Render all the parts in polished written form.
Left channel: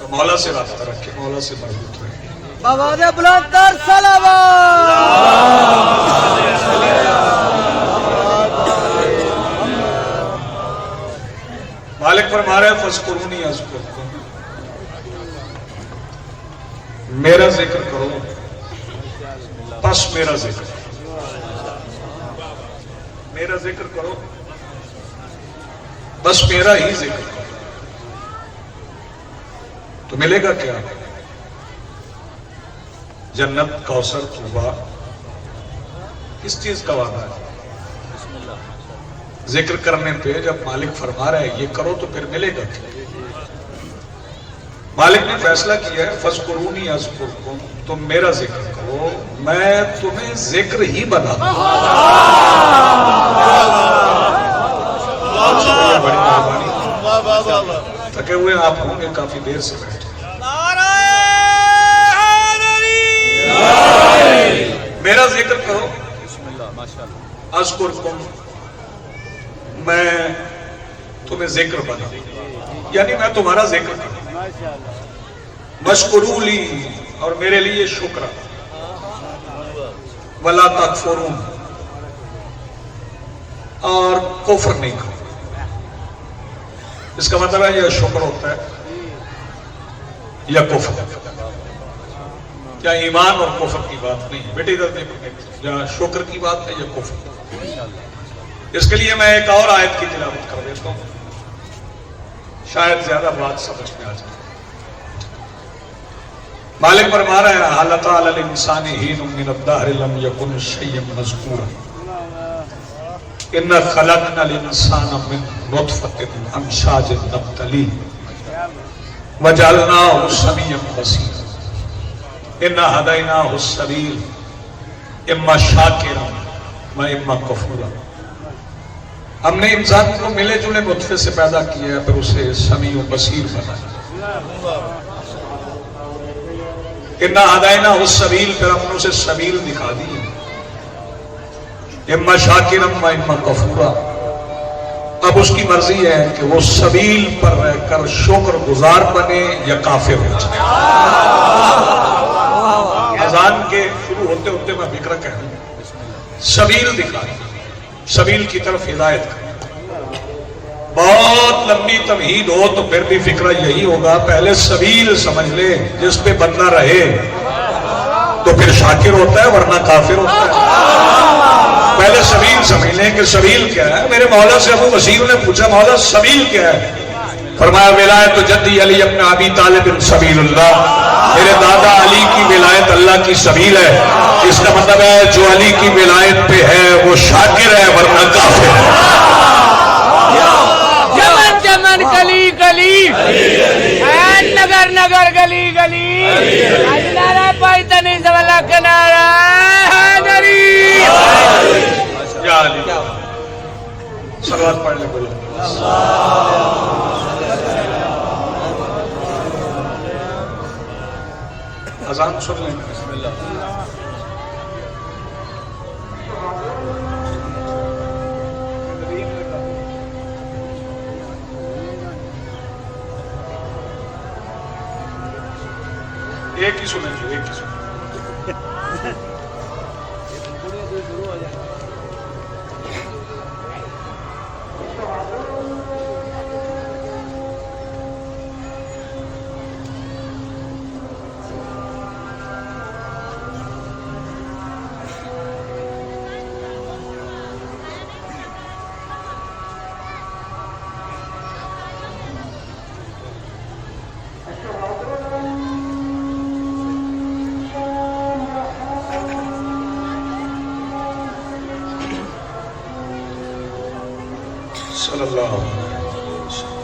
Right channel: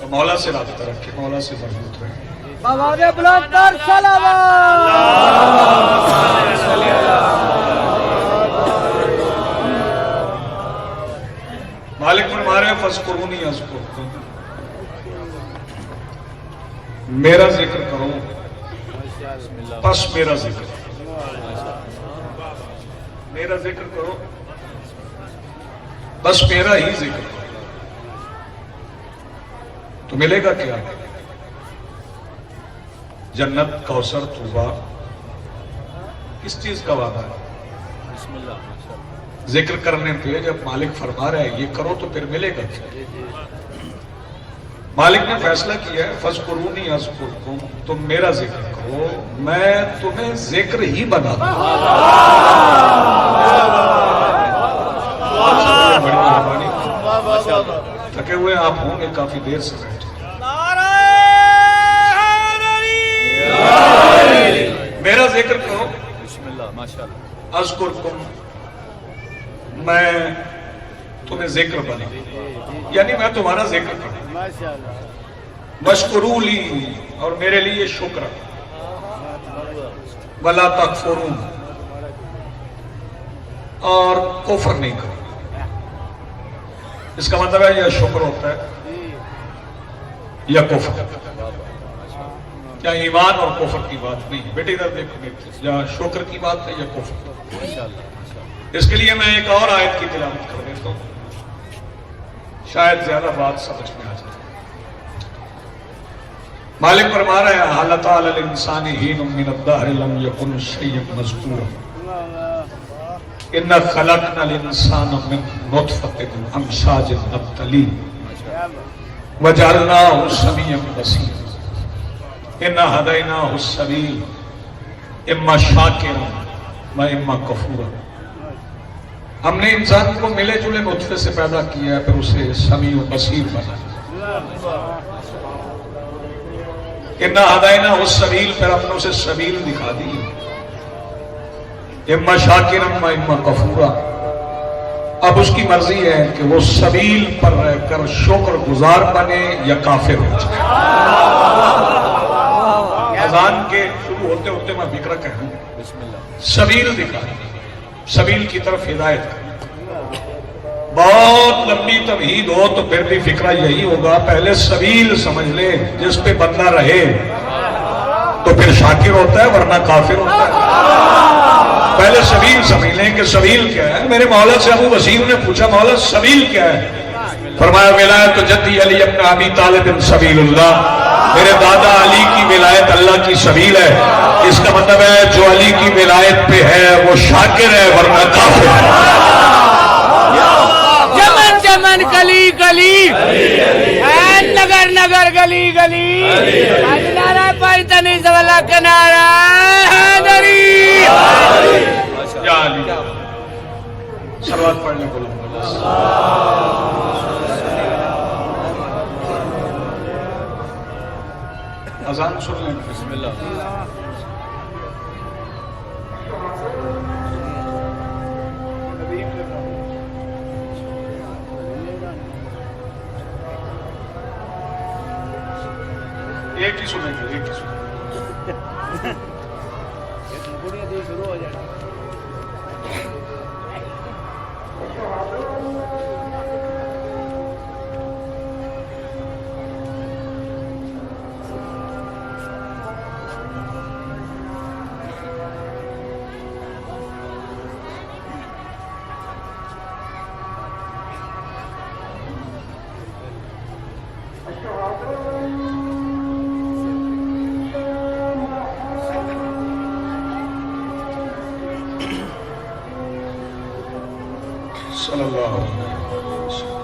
تو مولا سے رابطہ رکھے، مولا سے مربوط رہے۔ آواز بلند کر صلوات۔ مالک فرما رہے ہیں فاذکرونی اذکرکم، میرا ذکر کرو پس میرا ذکر، میرا ذکر کرو بس میرا ہی ذکر کرو، تو ملے گا کیا؟ جنت، کوثر، طوبہ۔ کس چیز کا وعدہ ہے؟ ذکر کرنے پہ جب مالک فرما رہا ہے یہ کرو تو پھر ملے گا کیا؟ مالک نے فیصلہ کیا ہے فاذکرونی اذکرکم، تم میرا ذکر کرو میں تمہیں ذکر ہی بنا دوں۔ بڑی مہربانی، تھکے ہوئے آپ ہوں گے، کافی دیر سے بیٹھے۔ میرا ذکر کرو اذکرکم، میں تمہیں ذکر بنا، یعنی میں تمہارا ذکر کروں۔ مشکرو لی، اور میرے لیے شکر، ولا تکفرون، اور کفر نہیں کرو۔ اس کا مطلب ہے یا شکر ہوتا ہے یا کفر، یا ایمان اور کفر کی بات نہیں ہے بیٹے، ادھر دیکھو، یا شکر کی بات ہے یا کفر۔ اس کے لیے میں ایک اور آیت کی تلاوت کر دیتا ہوں، شاید زیادہ بات سمجھ میں آ جائے۔ مالک فرما رہے ہیں هل أتى على الإنسان حين من الدهر لم يكن شيئا مذكورا إنا خلقنا الإنسان من نطفة أمشاج نبتليه وجعلناه سميعا بصيرا إنا هديناه السبيل إما شاكرا وإما كفورا۔ ہم نے انسان کو ملے جلے نطفے سے پیدا کیا ہے، پھر اسے سمیع و بصیر بنایا۔ اِنَّا ہَدَيْنَاهُ السَّبِيلَ، پھر ہم نے اسے سبیل دکھا دی، اِمَّا شَاكِرًا وَإِمَّا كَفُورًا۔ اب اس کی مرضی ہے کہ وہ سبیل پر رہ کر شکر گزار بنے یا کافر ہو جائے۔ اذان کے شروع ہوتے ہوتے میں فکر کہوں، سبیل دکھا دی، سبیل کی طرف ہدایت کر۔ بہت لمبی تمہید ہو تو پھر بھی فکرہ یہی ہوگا، پہلے سبیل سمجھ لے جس پہ بندہ رہے تو پھر شاکر ہوتا ہے ورنہ کافر ہوتا ہے۔ پہلے سبیل سمجھ لیں کہ سبیل کیا ہے۔ میرے مولا سے ابو وسیع نے پوچھا مولا سبیل کیا ہے؟ فرمایا ولایت جدی علی ابن ابی طالب سبیل اللہ، میرے دادا علی کی ولایت اللہ کی سبیل ہے۔ اس کا مطلب ہے جو علی کی ولایت پہ ہے وہ شاکر ہے ورنہ کافر ہے۔ جمن جمن گلی گلی، نگر نگر گلی گلی، نعرہ پیدنی زواللہ کے نعرہ حیدری۔ یا علی، صلوات پڑھنے بولو۔ اذان سن لیں۔ ایک ہی سنیں گے، ایک ہی سنیں گے۔ صلی اللہ علیہ وسلم۔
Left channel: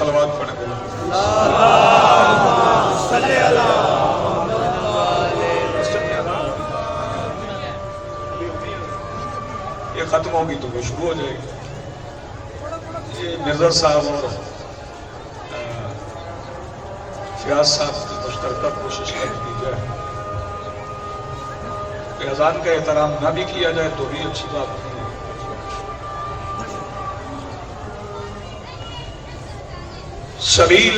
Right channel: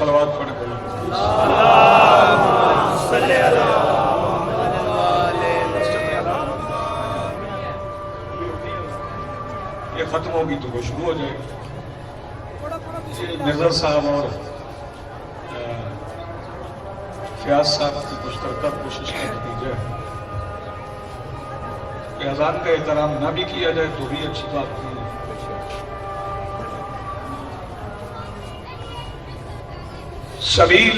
सलवात पढ़ के ये खत्म होगी तो वो शुरू हो जाएगी। ये मिर्जा साहब और फियाज साहब की मुश्तरका कोशिश कर दी जाए कि अजान का एहतराम ना भी किया जाए तो भी अच्छी बात नहीं है। सबील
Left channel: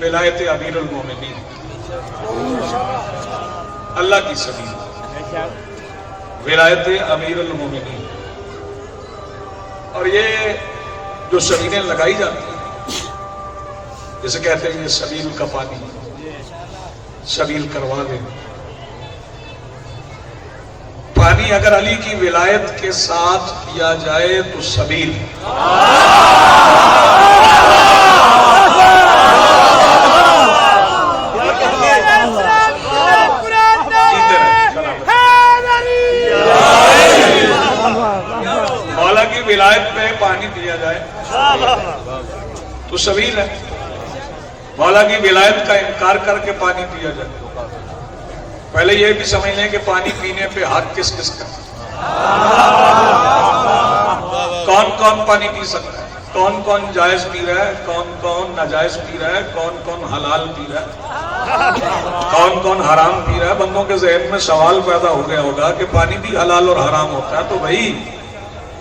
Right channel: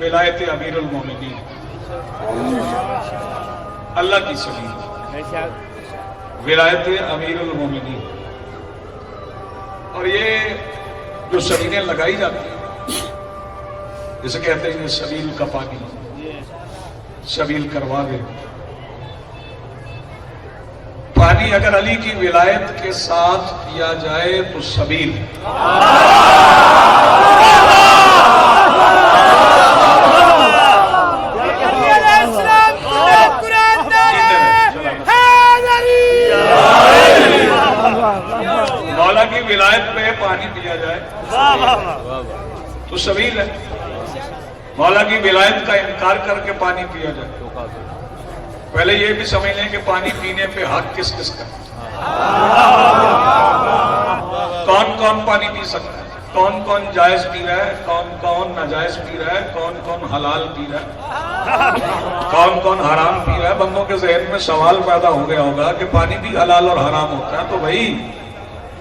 विलायत अमीरुल मोमिनीन, अल्लाह की सबील विलायत अमीरुल मोमिनीन। और ये जो सबीलें लगाई जाती हैं, जैसे कहते हैं ये सबील का पानी, सबील करवा दे। पानी अगर अली की विलायत के साथ किया जाए तो सबील, मौला की विलायत में पानी पिया जाए तो सबील है। मौला की विलायत का इनकार करके पानी पिया जाए। पहले ये भी समझ लें कि पानी पीने पे हक किस किस का, कौन कौन पानी पी सकता है, कौन कौन जायज पी रहा है, कौन कौन नाजायज पी रहा है, कौन कौन हलाल पी रहा है, कौन कौन हराम पी रहा है। बंदों के ज़हन में सवाल पैदा हो गया होगा कि पानी भी हलाल और हराम होता है। तो भाई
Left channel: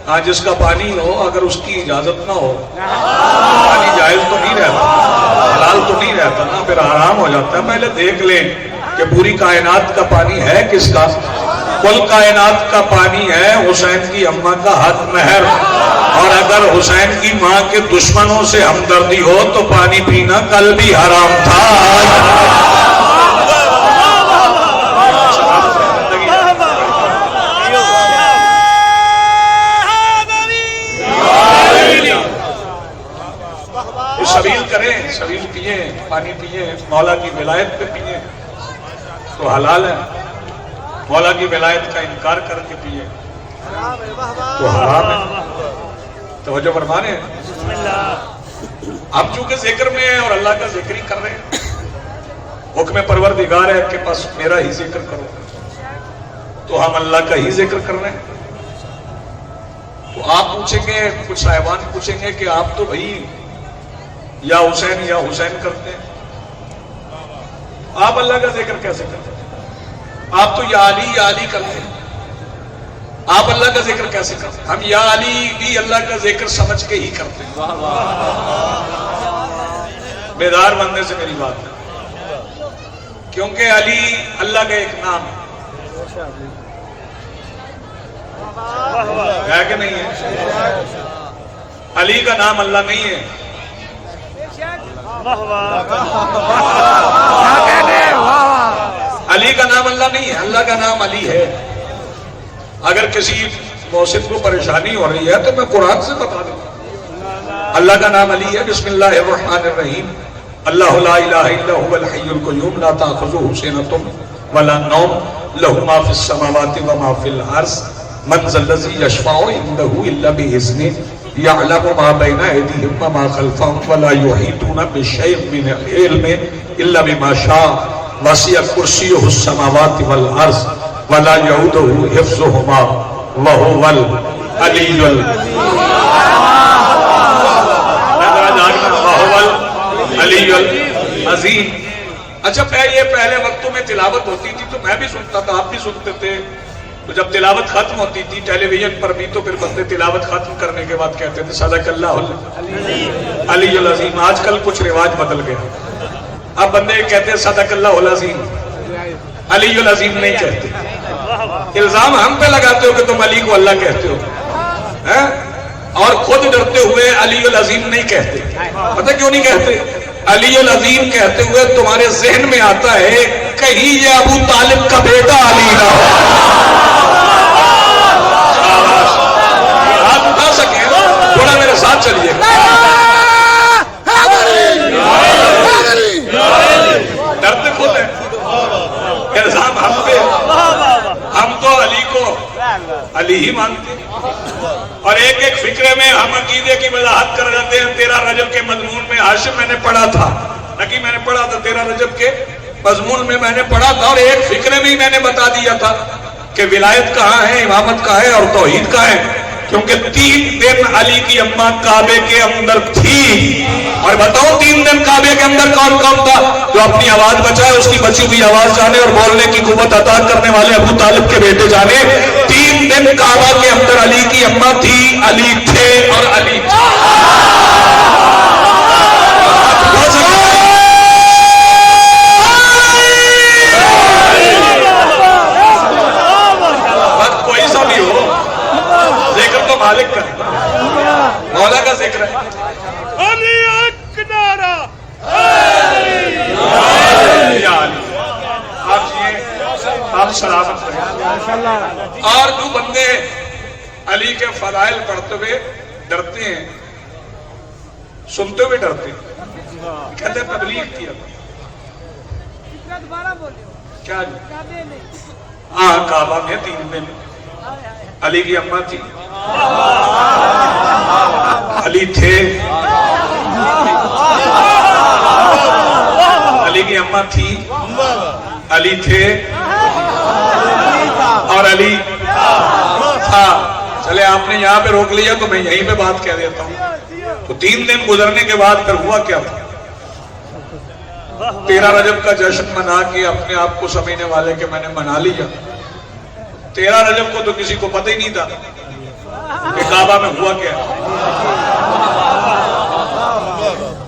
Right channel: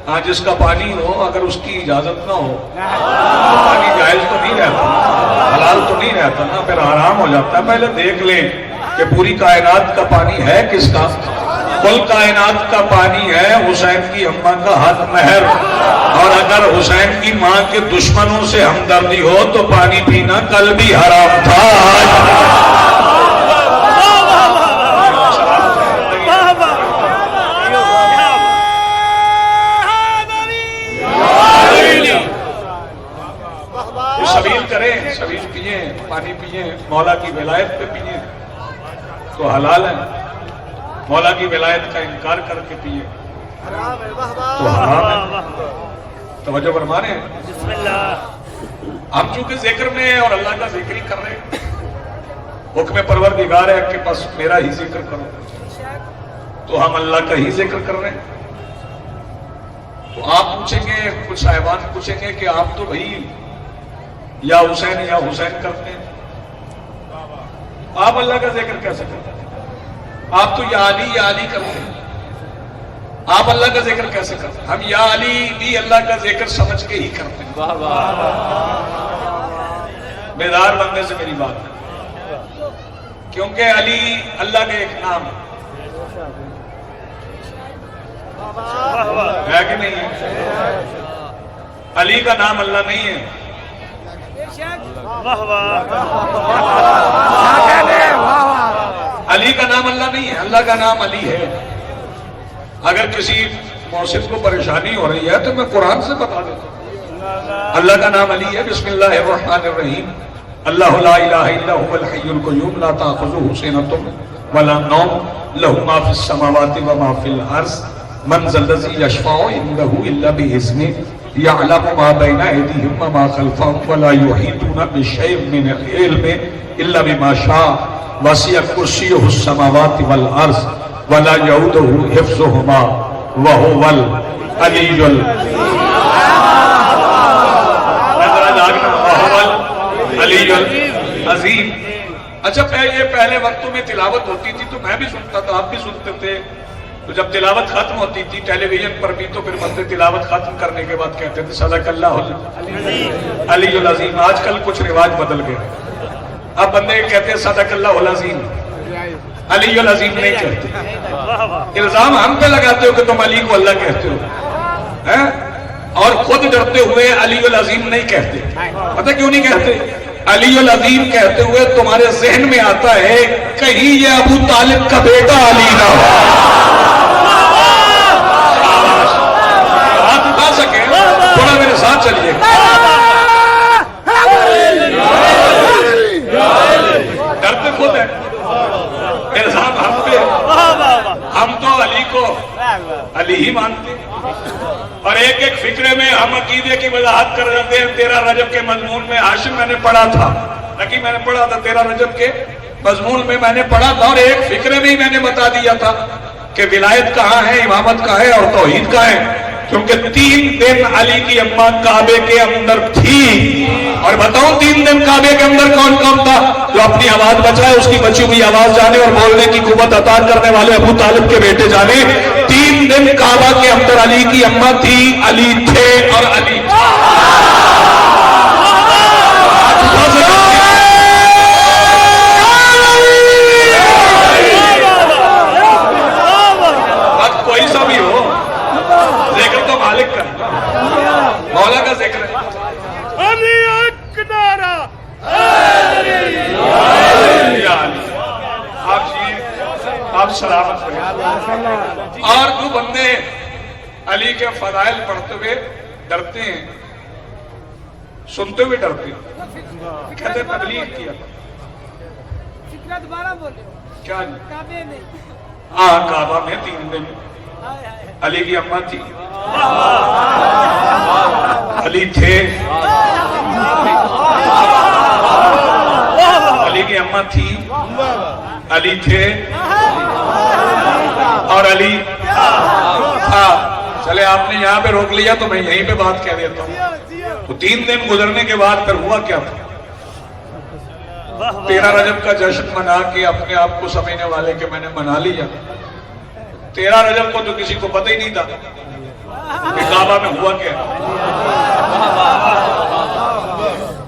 हाँ, जिसका पानी हो अगर उसकी इजाजत ना हो तो पानी जायज तो नहीं रहता, हलाल तो नहीं रहता ना, फिर हराम हो जाता है। पहले देख लें कि पूरी कायनात का पानी है किसका। कुल कायनात का पानी है हुसैन की अम्मा का हक महर। और अगर हुसैन की माँ के दुश्मनों से हमदर्दी हो तो पानी पीना कल भी हराम था। सबील करें, सबील पिए, पानी पिए, मौला की विलायत पे पिए तो हलाल है। मौला की विलायत का इनकार करके पिए तो हराम है। तवज्जो फरमाने, हम चूंकि जिक्र में और अल्लाह का जिक्र ही कर रहे हैं, हुक्म परवरदिगार है कि बस मेरा ही जिक्र करो, तो हम अल्लाह का ही जिक्र कर रहे हैं। तो आप पूछेंगे, कुछ साहिबान पूछेंगे कि आप तो भाई या हुसैन करते हैं, आप अल्लाह का जिक्र कैसे करते हैं? आप तो या अली करते हैं, आप अल्लाह का जिक्र कैसे करते हैं? हम या अली भी अल्लाह का जिक्र समझ के ही करते हैं। बेदार बनने से मेरी बात है, क्योंकि अली अल्लाह का एक नाम है कि नहीं है? अली का नाम अल्लाह नहीं है। अली का नाम अल्लाह नहीं है, अल्लाह का नाम अली है। अगर किसी मौसिम को परेशानी हो रही है तो मैं कुरान से बता देता हूं, अल्लाह का नाम अली है। बिस्मिल्लाहिर्रहमानिर्रहीम, अल्लाहु ला इलाहा इल्ला हुवल हय्युल क़य्यूम ला ताख़ुज़ुहु सिनतुन वला नौम लहु मा फ़िस समावाति व मा फ़िल अर्ज़ मन ज़ल्लज़ी यशफ़अु इंदहु इल्ला बिइज़्निहि यअलमु मा बैना अयदीहिम व मा ख़ल्फ़हुम व ला युहीतूना बिशैइन मिन इल्मिहि इल्ला बिमा शाअ वसिअ कुर्सियुहुस समावाति वल अर्ज़ व ला यऊदुहु हिफ़्ज़ुहुमा व हुवल अलीयुल अज़ीम। अच्छा, ये पहले वक्तों में तिलावत होती थी तो मैं भी सुनता था, आप भी सुनते थे। तो जब तिलावत खत्म होती थी टेलीविजन पर भी तो फिर बंदे तिलावत खत्म करने के बाद कहते थे सदक़ल्लाहुल अलीयुल अज़ीम। आजकल कुछ रिवाज बदल गया, अब बंदे कहते हैं सदक़ल्लाहुल अज़ीम, अलीयुल अज़ीम नहीं कहते। इल्जाम हम पे लगाते हो कि तुम अली को अल्लाह कहते हो, हैं? और खुद डरते हुए अलीयुल अज़ीम नहीं कहते। पता क्यों नहीं कहते? अलीयुल अज़ीम कहते हुए तुम्हारे जहन में आता है कहीं ये अबू तालिब का बेटा अली ना हो। आप उठा सके थोड़ा मेरे साथ चलिए। डरते खुद है, इल्जाम हम पे। हम तो अली को अली ही मानते। اور ایک ایک فکرے میں ہم عقیدے کی وضاحت کر جاتے ہیں. 13 رجب کے مضمون میں ہاشم میں نے پڑھا تھا، نکی میں نے پڑھا تھا 13 رجب کے مضمون میں نے پڑھا تھا، اور ایک فکرے میں ہی میں نے بتا دیا تھا کہ ولایت کہاں ہے، امامت کہاں ہے اور توحید کہاں ہے. کیونکہ 3 دن علی کی اماں کعبے کے اندر تھی. اور بتاؤں 3 دن کعبے کے اندر کون کون تھا؟ جو اپنی آواز بچائے اس کی بچی ہوئی آواز جانے اور بولنے کی قوت عطا کرنے والے ابو طالب کے بیٹے جانے. 3 دن کعبہ کے اندر علی کی اماں تھی، علی تھے اور علی تھے. وقت کوئی سا بھی ہو، ذکر تو مالک کا ہے، مولا کا ذکر ہے. علی ایک نعرہ آپ سلامت رہیں. اور جو بندے علی کے فضائل پڑھتے ہوئے ڈرتے ہیں، سنتے ہوئے ڈرتے ہیں، کہتے ہیں تبلیغ کیا کیا جی؟ ہاں کعبہ میں 3 دن علی کی اماں تھی، علی تھے، علی کی اماں تھی، علی تھے اور علی تھا. چلے آپ نے یہاں پہ روک لیا تو میں یہیں پہ بات کہہ دیتا ہوں. تو 3 دن گزرنے کے بعد پھر ہوا کیا تھا؟ 13 رجب کا جشن منا کے اپنے آپ کو سمجھنے والے کہ میں نے منا لیا. 13 رجب کو تو کسی کو پتہ ہی نہیں تھا کہ کعبہ میں ہوا کیا ہے.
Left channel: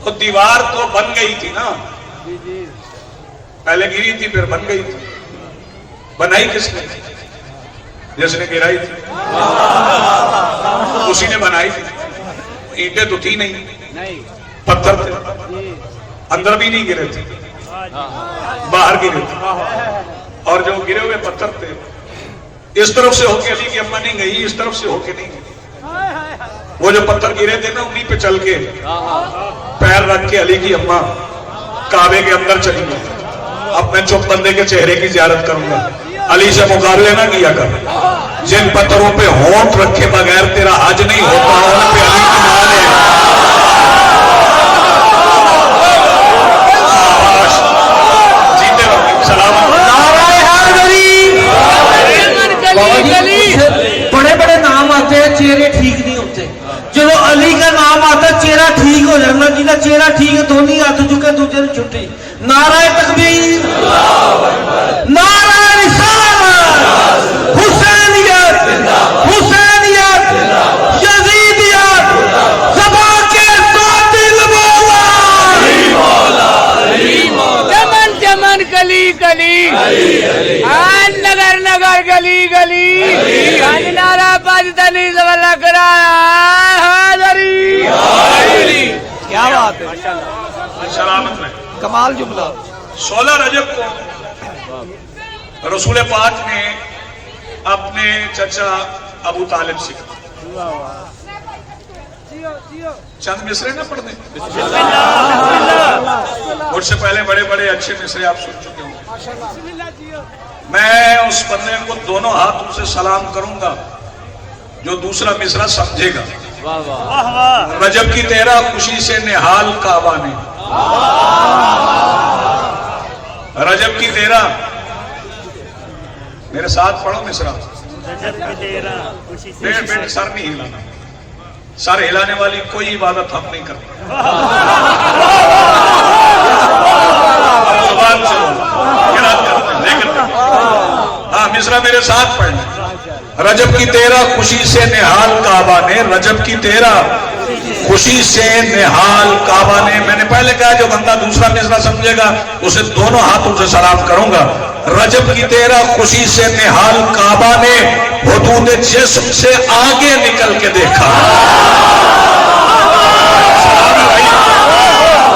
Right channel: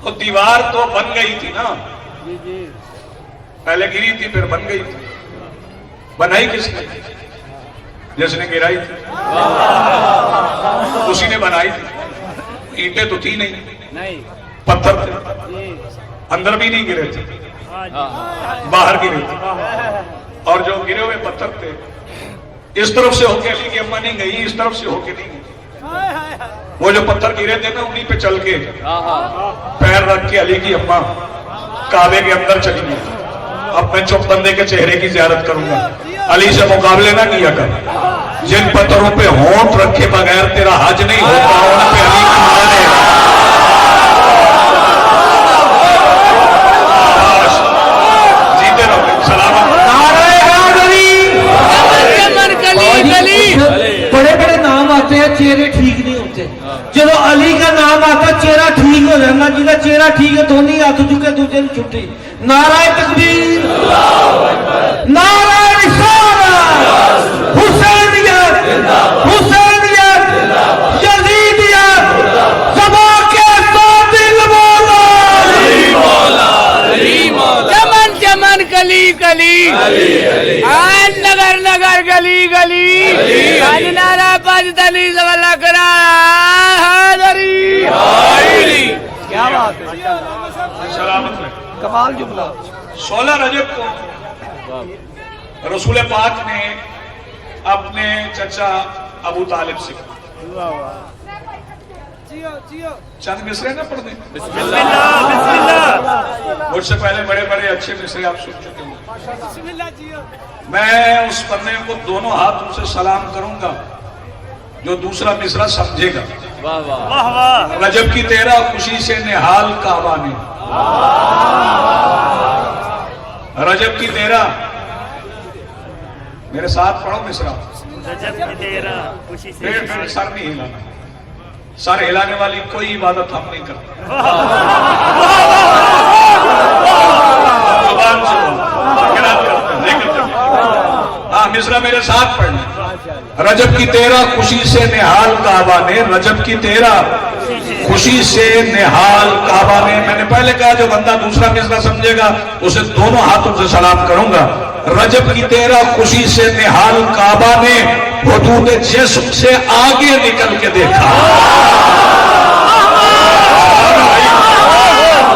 اور دیوار تو بن گئی تھی نا، پہلے گری تھی پھر بن گئی تھی. بنائی کس نے؟ جس نے گرائی تھی اسی نے بنائی تھی. اینٹیں تو تھی نہیں، پتھر تھے، اندر بھی نہیں گرے تھے، باہر گرے تھے. اور جو گرے ہوئے پتھر تھے اس طرف سے ہو کے علی کی اماں نہیں گئی، اس طرف سے ہو کے نہیں گئی. وہ جو پتھر گرے تھے نا انہی پہ چل کے پیر رکھ کے علی کی اماں کعبے کے اندر چلی گئی. اب میں چپ بندے کے چہرے کی زیارت کروں گا. علی سے مقابلے نہ کیا کر. جن پتھروں پہ ہونٹ رکھے بغیر تیرا حج نہیں ہوتا ان پہ علی کی ماں نے جیتے رہو. سلامت بڑے بڑے نام آتے ہیں، چہرے ٹھیک نہیں ہوتے. چلو علی کا نام آتا ہے چہرہ ٹھیک ہو جانا. جنہیں چہرہ ٹھیک ہے دونوں ہاتھ چکے دوسرے نے چھٹی. نعرہ تکبیر، نعرہ رسالت، حسینیت، حسینیت، یزیدیت، زبا کے قاتل مولا، چمن چمن کلی کلی، نگر نگر گلی گلی، آج نعرہ پاکستانی زبردست کیا بات ہے. سلامت میں کمال جملہ. 16 رجب کو رسول پاک نے اپنے چچا ابو طالب سے چند مصرے نہ پڑھ دیں. مجھ سے پہلے بڑے بڑے اچھے مصرے آپ سن چکے ہوں. میں اس بندے کو دونوں ہاتھوں سے سلام کروں گا جو دوسرا مصرع سمجھے گا. رجب کی 13 خوشی سے نہال کعبہ نے. رجب کی 13 میرے ساتھ پڑھو مصرع. پیٹ سر نہیں ہلانا. سر ہلانے والی کوئی عبادت ہم نہیں کرتے. زبان سے ہاں مصرع میرے ساتھ پڑھنا. رجب کی 13 خوشی سے نہال کعبہ نے. رجب کی 13 خوشی سے نہال کعبہ نے. میں نے پہلے کہا جو بندہ دوسرا مصرع سمجھے گا اسے دونوں ہاتھوں سے سلام کروں گا. رجب کی 13 خوشی سے نہال کعبہ نے حدود جسم سے آگے نکل کے دیکھا.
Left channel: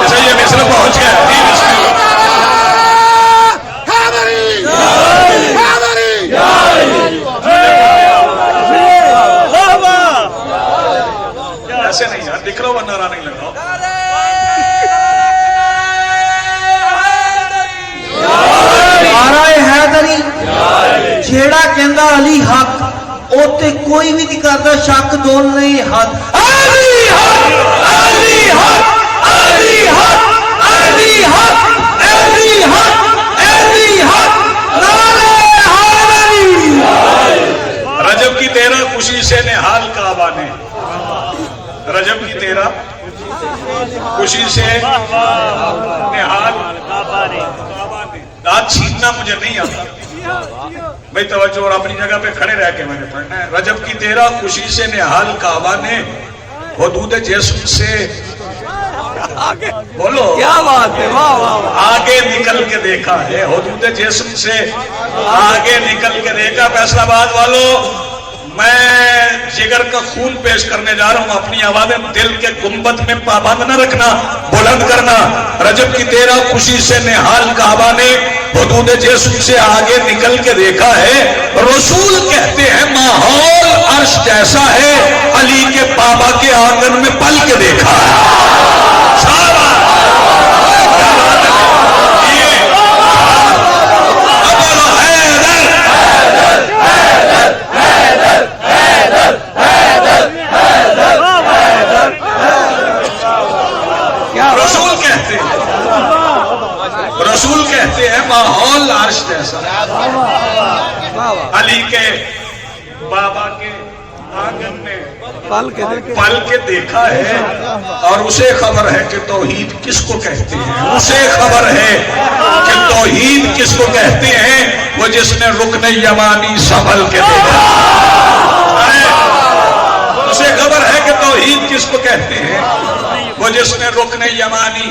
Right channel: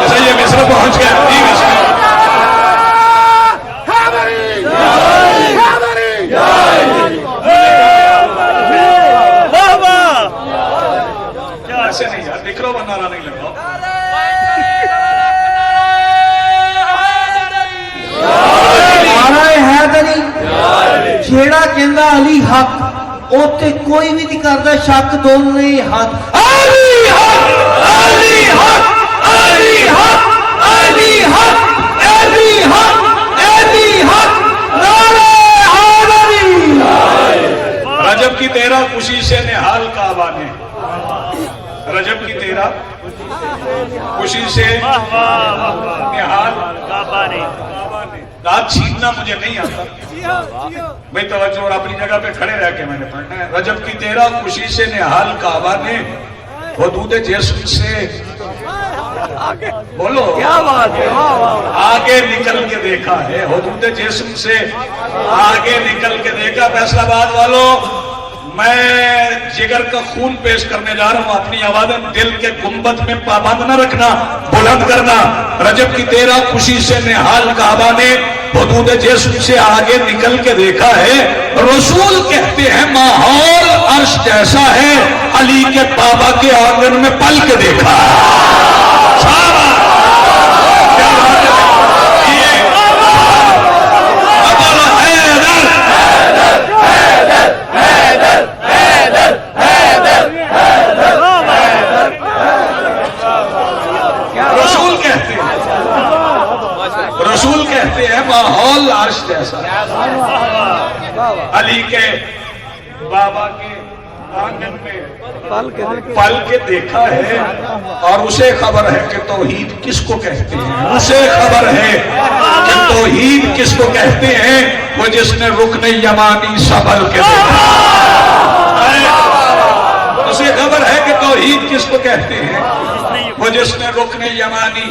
جیسے یہ مصرع پہنچ گیا. ایسے نہیں یار دکھ رہا ہو نعرہ نہیں لگاؤ. نعرہ حیدری جیڑا کہندا علی حق ਉੱਥੇ ਕੋਈ ਵੀ ਨਹੀਂ ਕਰਦਾ ਸ਼ੱਕ, ਦੋਨੇ ਹੱਥ ਅਲੀ ਹੱਕ ਅਲੀ ਹੱਕ ਅਲੀ ਹੱਕ ਅਲੀ ਹੱਕ ਅਲੀ ਹੱਕ ਅਲੀ ਹੱਕ ਨਾਰੇ ਹਾਜ਼ਰੀ। रजब की 13 खुशी से निहाल काबा ने, रजब की 13 खुशी से निहाल काबा ने। दांत छीनना मुझे नहीं आता भाई, तवज्जो और अपनी जगह पे खड़े रह के मैंने पढ़ना है। रजब की 13 खुशी से निहाल काबा ने, हुदूद जिस्म से बोलो क्या बात है, वाह वाह। आगे निकल के देखा है, हुदूद जिस्म से आगे निकल के देखा। फैसलाबाद वालों, मैं जिगर का खून पेश करने जा रहा हूं, अपनी आवाजें दिल के गुंबद में पाबंद न रखना, बुलंद करना। रजब की 13 खुशी से निहाल काबा ने, हुदूद जिस्म से आगे निकल के देखा है। रसूल कहते हैं माहौल अर्श जैसा है, अली के बाबा के आंगन में पल के देखा है। रसूल कहते हैं माहौल अर्श जैसा, अली के बाबा के आंगन में पल के देखा है। और उसे खबर है कि तौहीद किसको कहते हैं, उसे खबर है कि तौहीद किसको कहते हैं, वो जिसने रुकने यमानी संभल के देखा। उसे खबर है कि तौहीद किसको कहते हैं, वो जिसने रुकने यमानी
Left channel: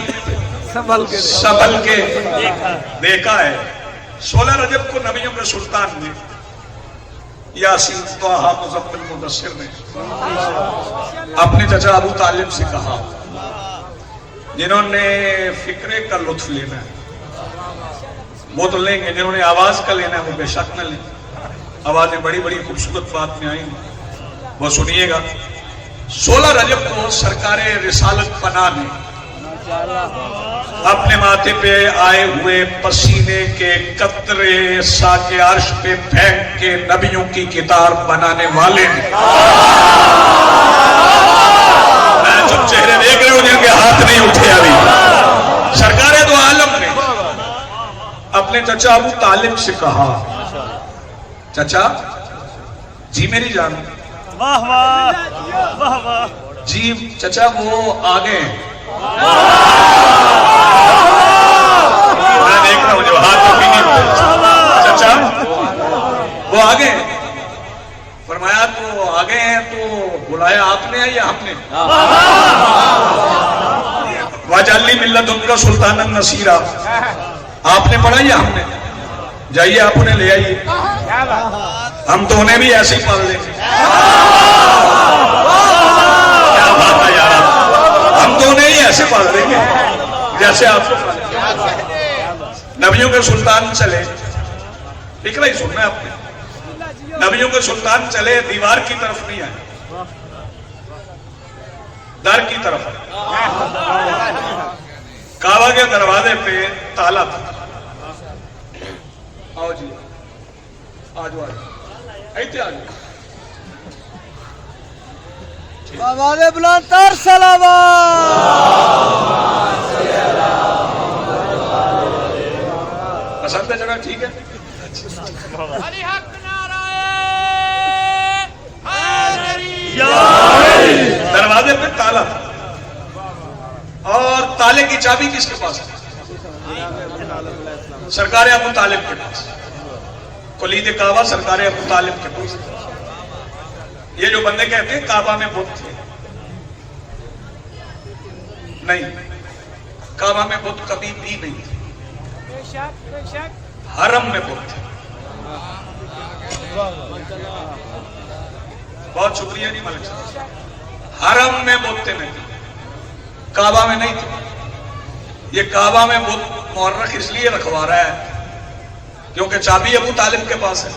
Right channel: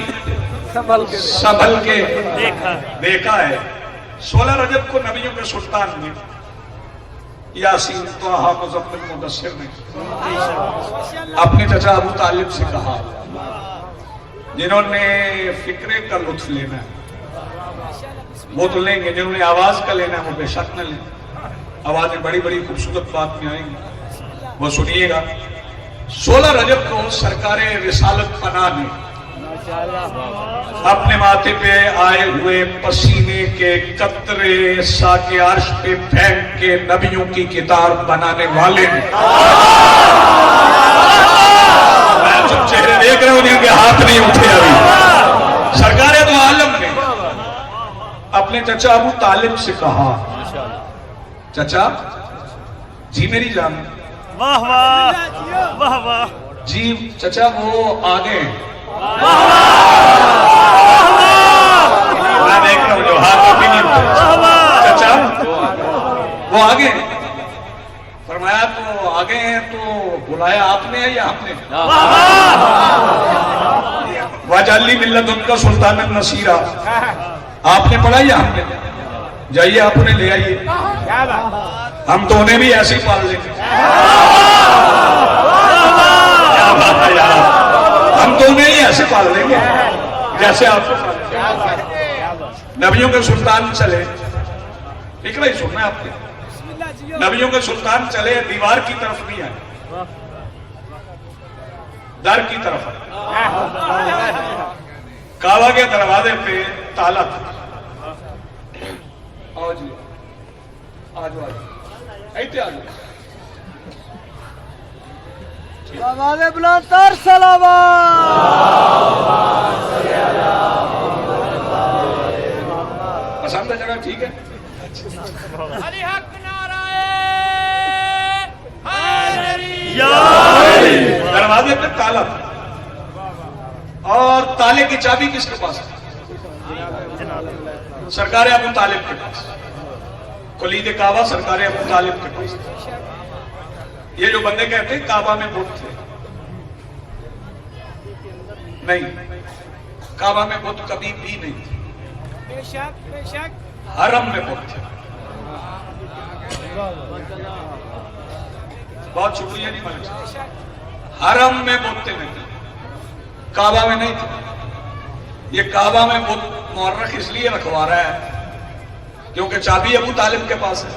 संभल के देखा है। 16 रजब को नबियों के सुल्तान ने, यासीन, तोहा, मुज़म्मिल, मुदस्सिर ने अपने चचा अबू तालिब से कहा, जिन्होंने फिक्रे का लुत्फ लेना वो तो लेंगे, जिन्होंने आवाज का लेना वो बेशक न लें। आवाजें बड़ी बड़ी खूबसूरत बात में आएंगी, वो सुनिएगा। 16 रजब को सरकारे रिसालत पनाह ने अपने माथे पे आए हुए पसीने के कतरे साके अर्श पे फेंक के नबियों की किताब बनाने वाले ने, मैं चुप चेहरे देख रहा हूं जिनके हाथ नहीं उठे अभी, सरकारे दो आलम ने अपने चचा अबू तालिब से कहा, चचा जी मेरी जान, वाह वाह वाह वाह जी चचा वो आगे मैं देख रहा हूं जो हाथ कभी नहीं उठे। चचा वो आगे, फरमाया तो आगे हैं तो बुलाया आपने या हमने? वाजाली मिल्लत उनका सुल्तान नसीरा, आपने पढ़ा या हमने? जाइए आप उन्हें ले आइए, हम तो उन्हें भी ऐसे ही पाल लेंगे। क्या बात है यार, हम तो उन्हें ही ऐसे पाल देंगे जैसे आपको पाल। नबियों के सुल्तान चले, फिक्र ही सुनना है आपने, नबियों के सुल्तान चले, दीवार की तरफ नहीं आए, दर की तरफ। काबा के दरवाजे पे ताला था। आओ जी, आज ऐसे आ जाओ। आवाज़ बुलंद तर सलावत। पसंद है जगह, ठीक है। अली हक नाराए हाज़री। दरवाजे पे ताला था, और ताले की चाबी किसके पास थी? सरकार अबू तालिब के पास। कुलीद काबा सरकार अबू तालिब के पास। ये जो बंदे कहते हैं काबा में बुत थे, नहीं, काबा में बुत कभी भी नहीं थे, हरम में बुत थे। बहुत शुक्रिया नहीं मलिक साहब, हरम में बुत नहीं थे, काबा में नहीं थे। ये काबा में बुत मुअर्रख इसलिए रखवा रहा है क्योंकि चाबी अबू तालिब के पास है।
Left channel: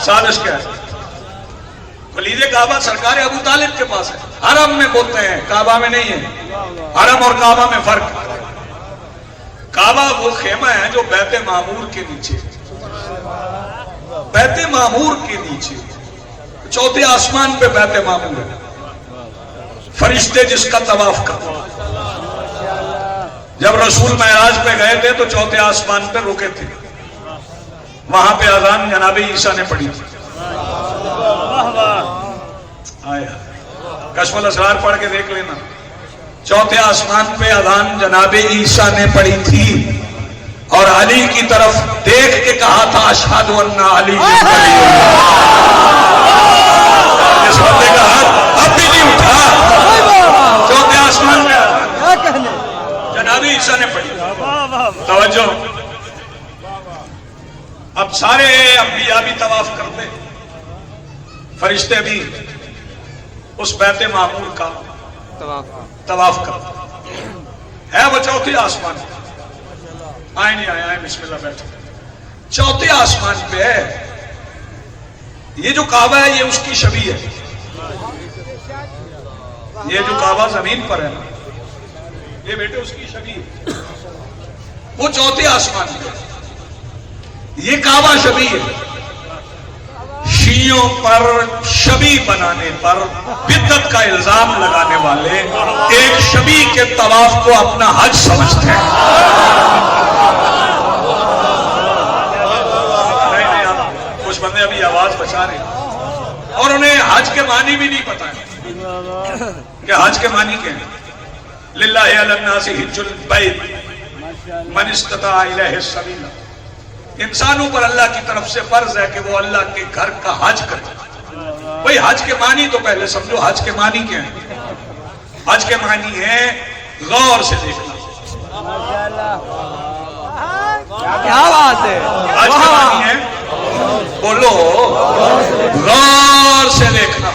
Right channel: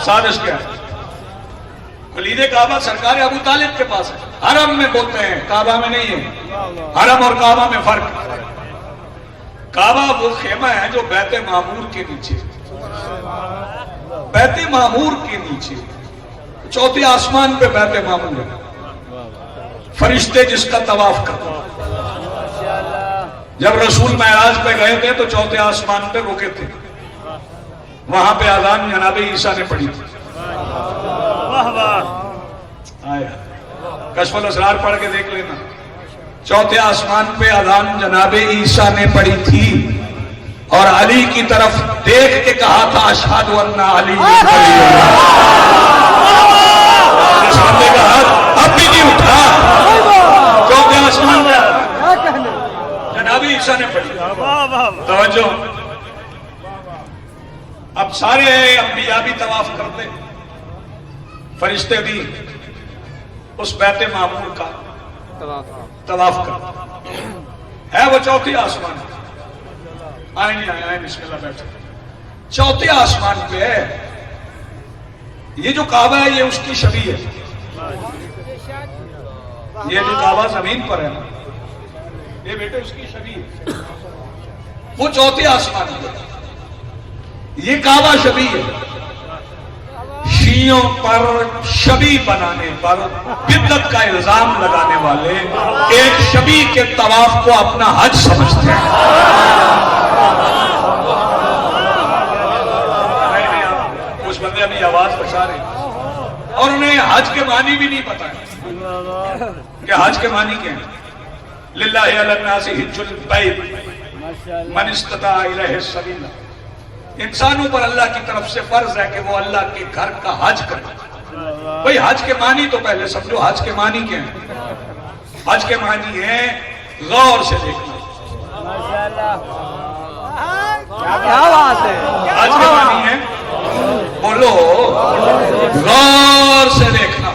साजिश क्या है? वलीद काबा सरकार अबू तालिब के पास है, हरम में बोलते हैं, काबा में नहीं है। हरम और काबा में फर्क। काबा वो खेमा है जो बैत मामूर के नीचे, बैत मामूर के नीचे, चौथे आसमान पे बैत मामूर है, फरिश्ते जिसका तवाफ करते। जब रसूल महराज पे गए थे तो चौथे आसमान पे रुके थे, वहां पे अजान जनाबे ईसा ने पढ़ी थी। आया कश्फुल असरार पढ़ के देख लेना, चौथे आसमान पे अजान जनाबे ईसा ने पढ़ी थी और अली की तरफ देख के कहा था अशहदु अन्ना अली वलीउल्लाह। इस बंदे का हाथ अब भी नहीं उठा, चौथे आसमान पे जनाबे ईसा ने पढ़ी। तवज्जो, अब सारे अंबिया भी तवाफ करते, फरिश्ते भी उस बैत मामूर का तवाफ करते है। वो चौथे आसमान, आए नहीं आए, बिस्मिल्लाह बैठे, चौथे आसमान पे है। ये जो काबा है ये उसकी शबी है, ये जो काबा जमीन पर है ना, ये बेटे उसकी शबी है। वो चौथे आसमान पे, ये काबा शबी है। शियों पर शबी बनाने पर बिद्दत का इल्जाम लगाने वाले एक शबी के तवाफ को अपना हज समझते हैं। नहीं, कुछ बंदे अभी आवाज बचा रहे हैं और उन्हें हज के मानी भी नहीं पता है कि हज के मानी क्या है। लिल्लाहि अलन्नासि हिज्जुल बैत मन इस्तता इलैहि सबीला। इंसानों पर अल्लाह की तरफ से फर्ज है कि वो अल्लाह के घर का हज करे। भाई हज के मानी तो पहले समझो, हज के मानी क्या है? हज के मानी है गौर से देखना। क्या बात है, हज के मानी है, बोलो, गौर से देखना।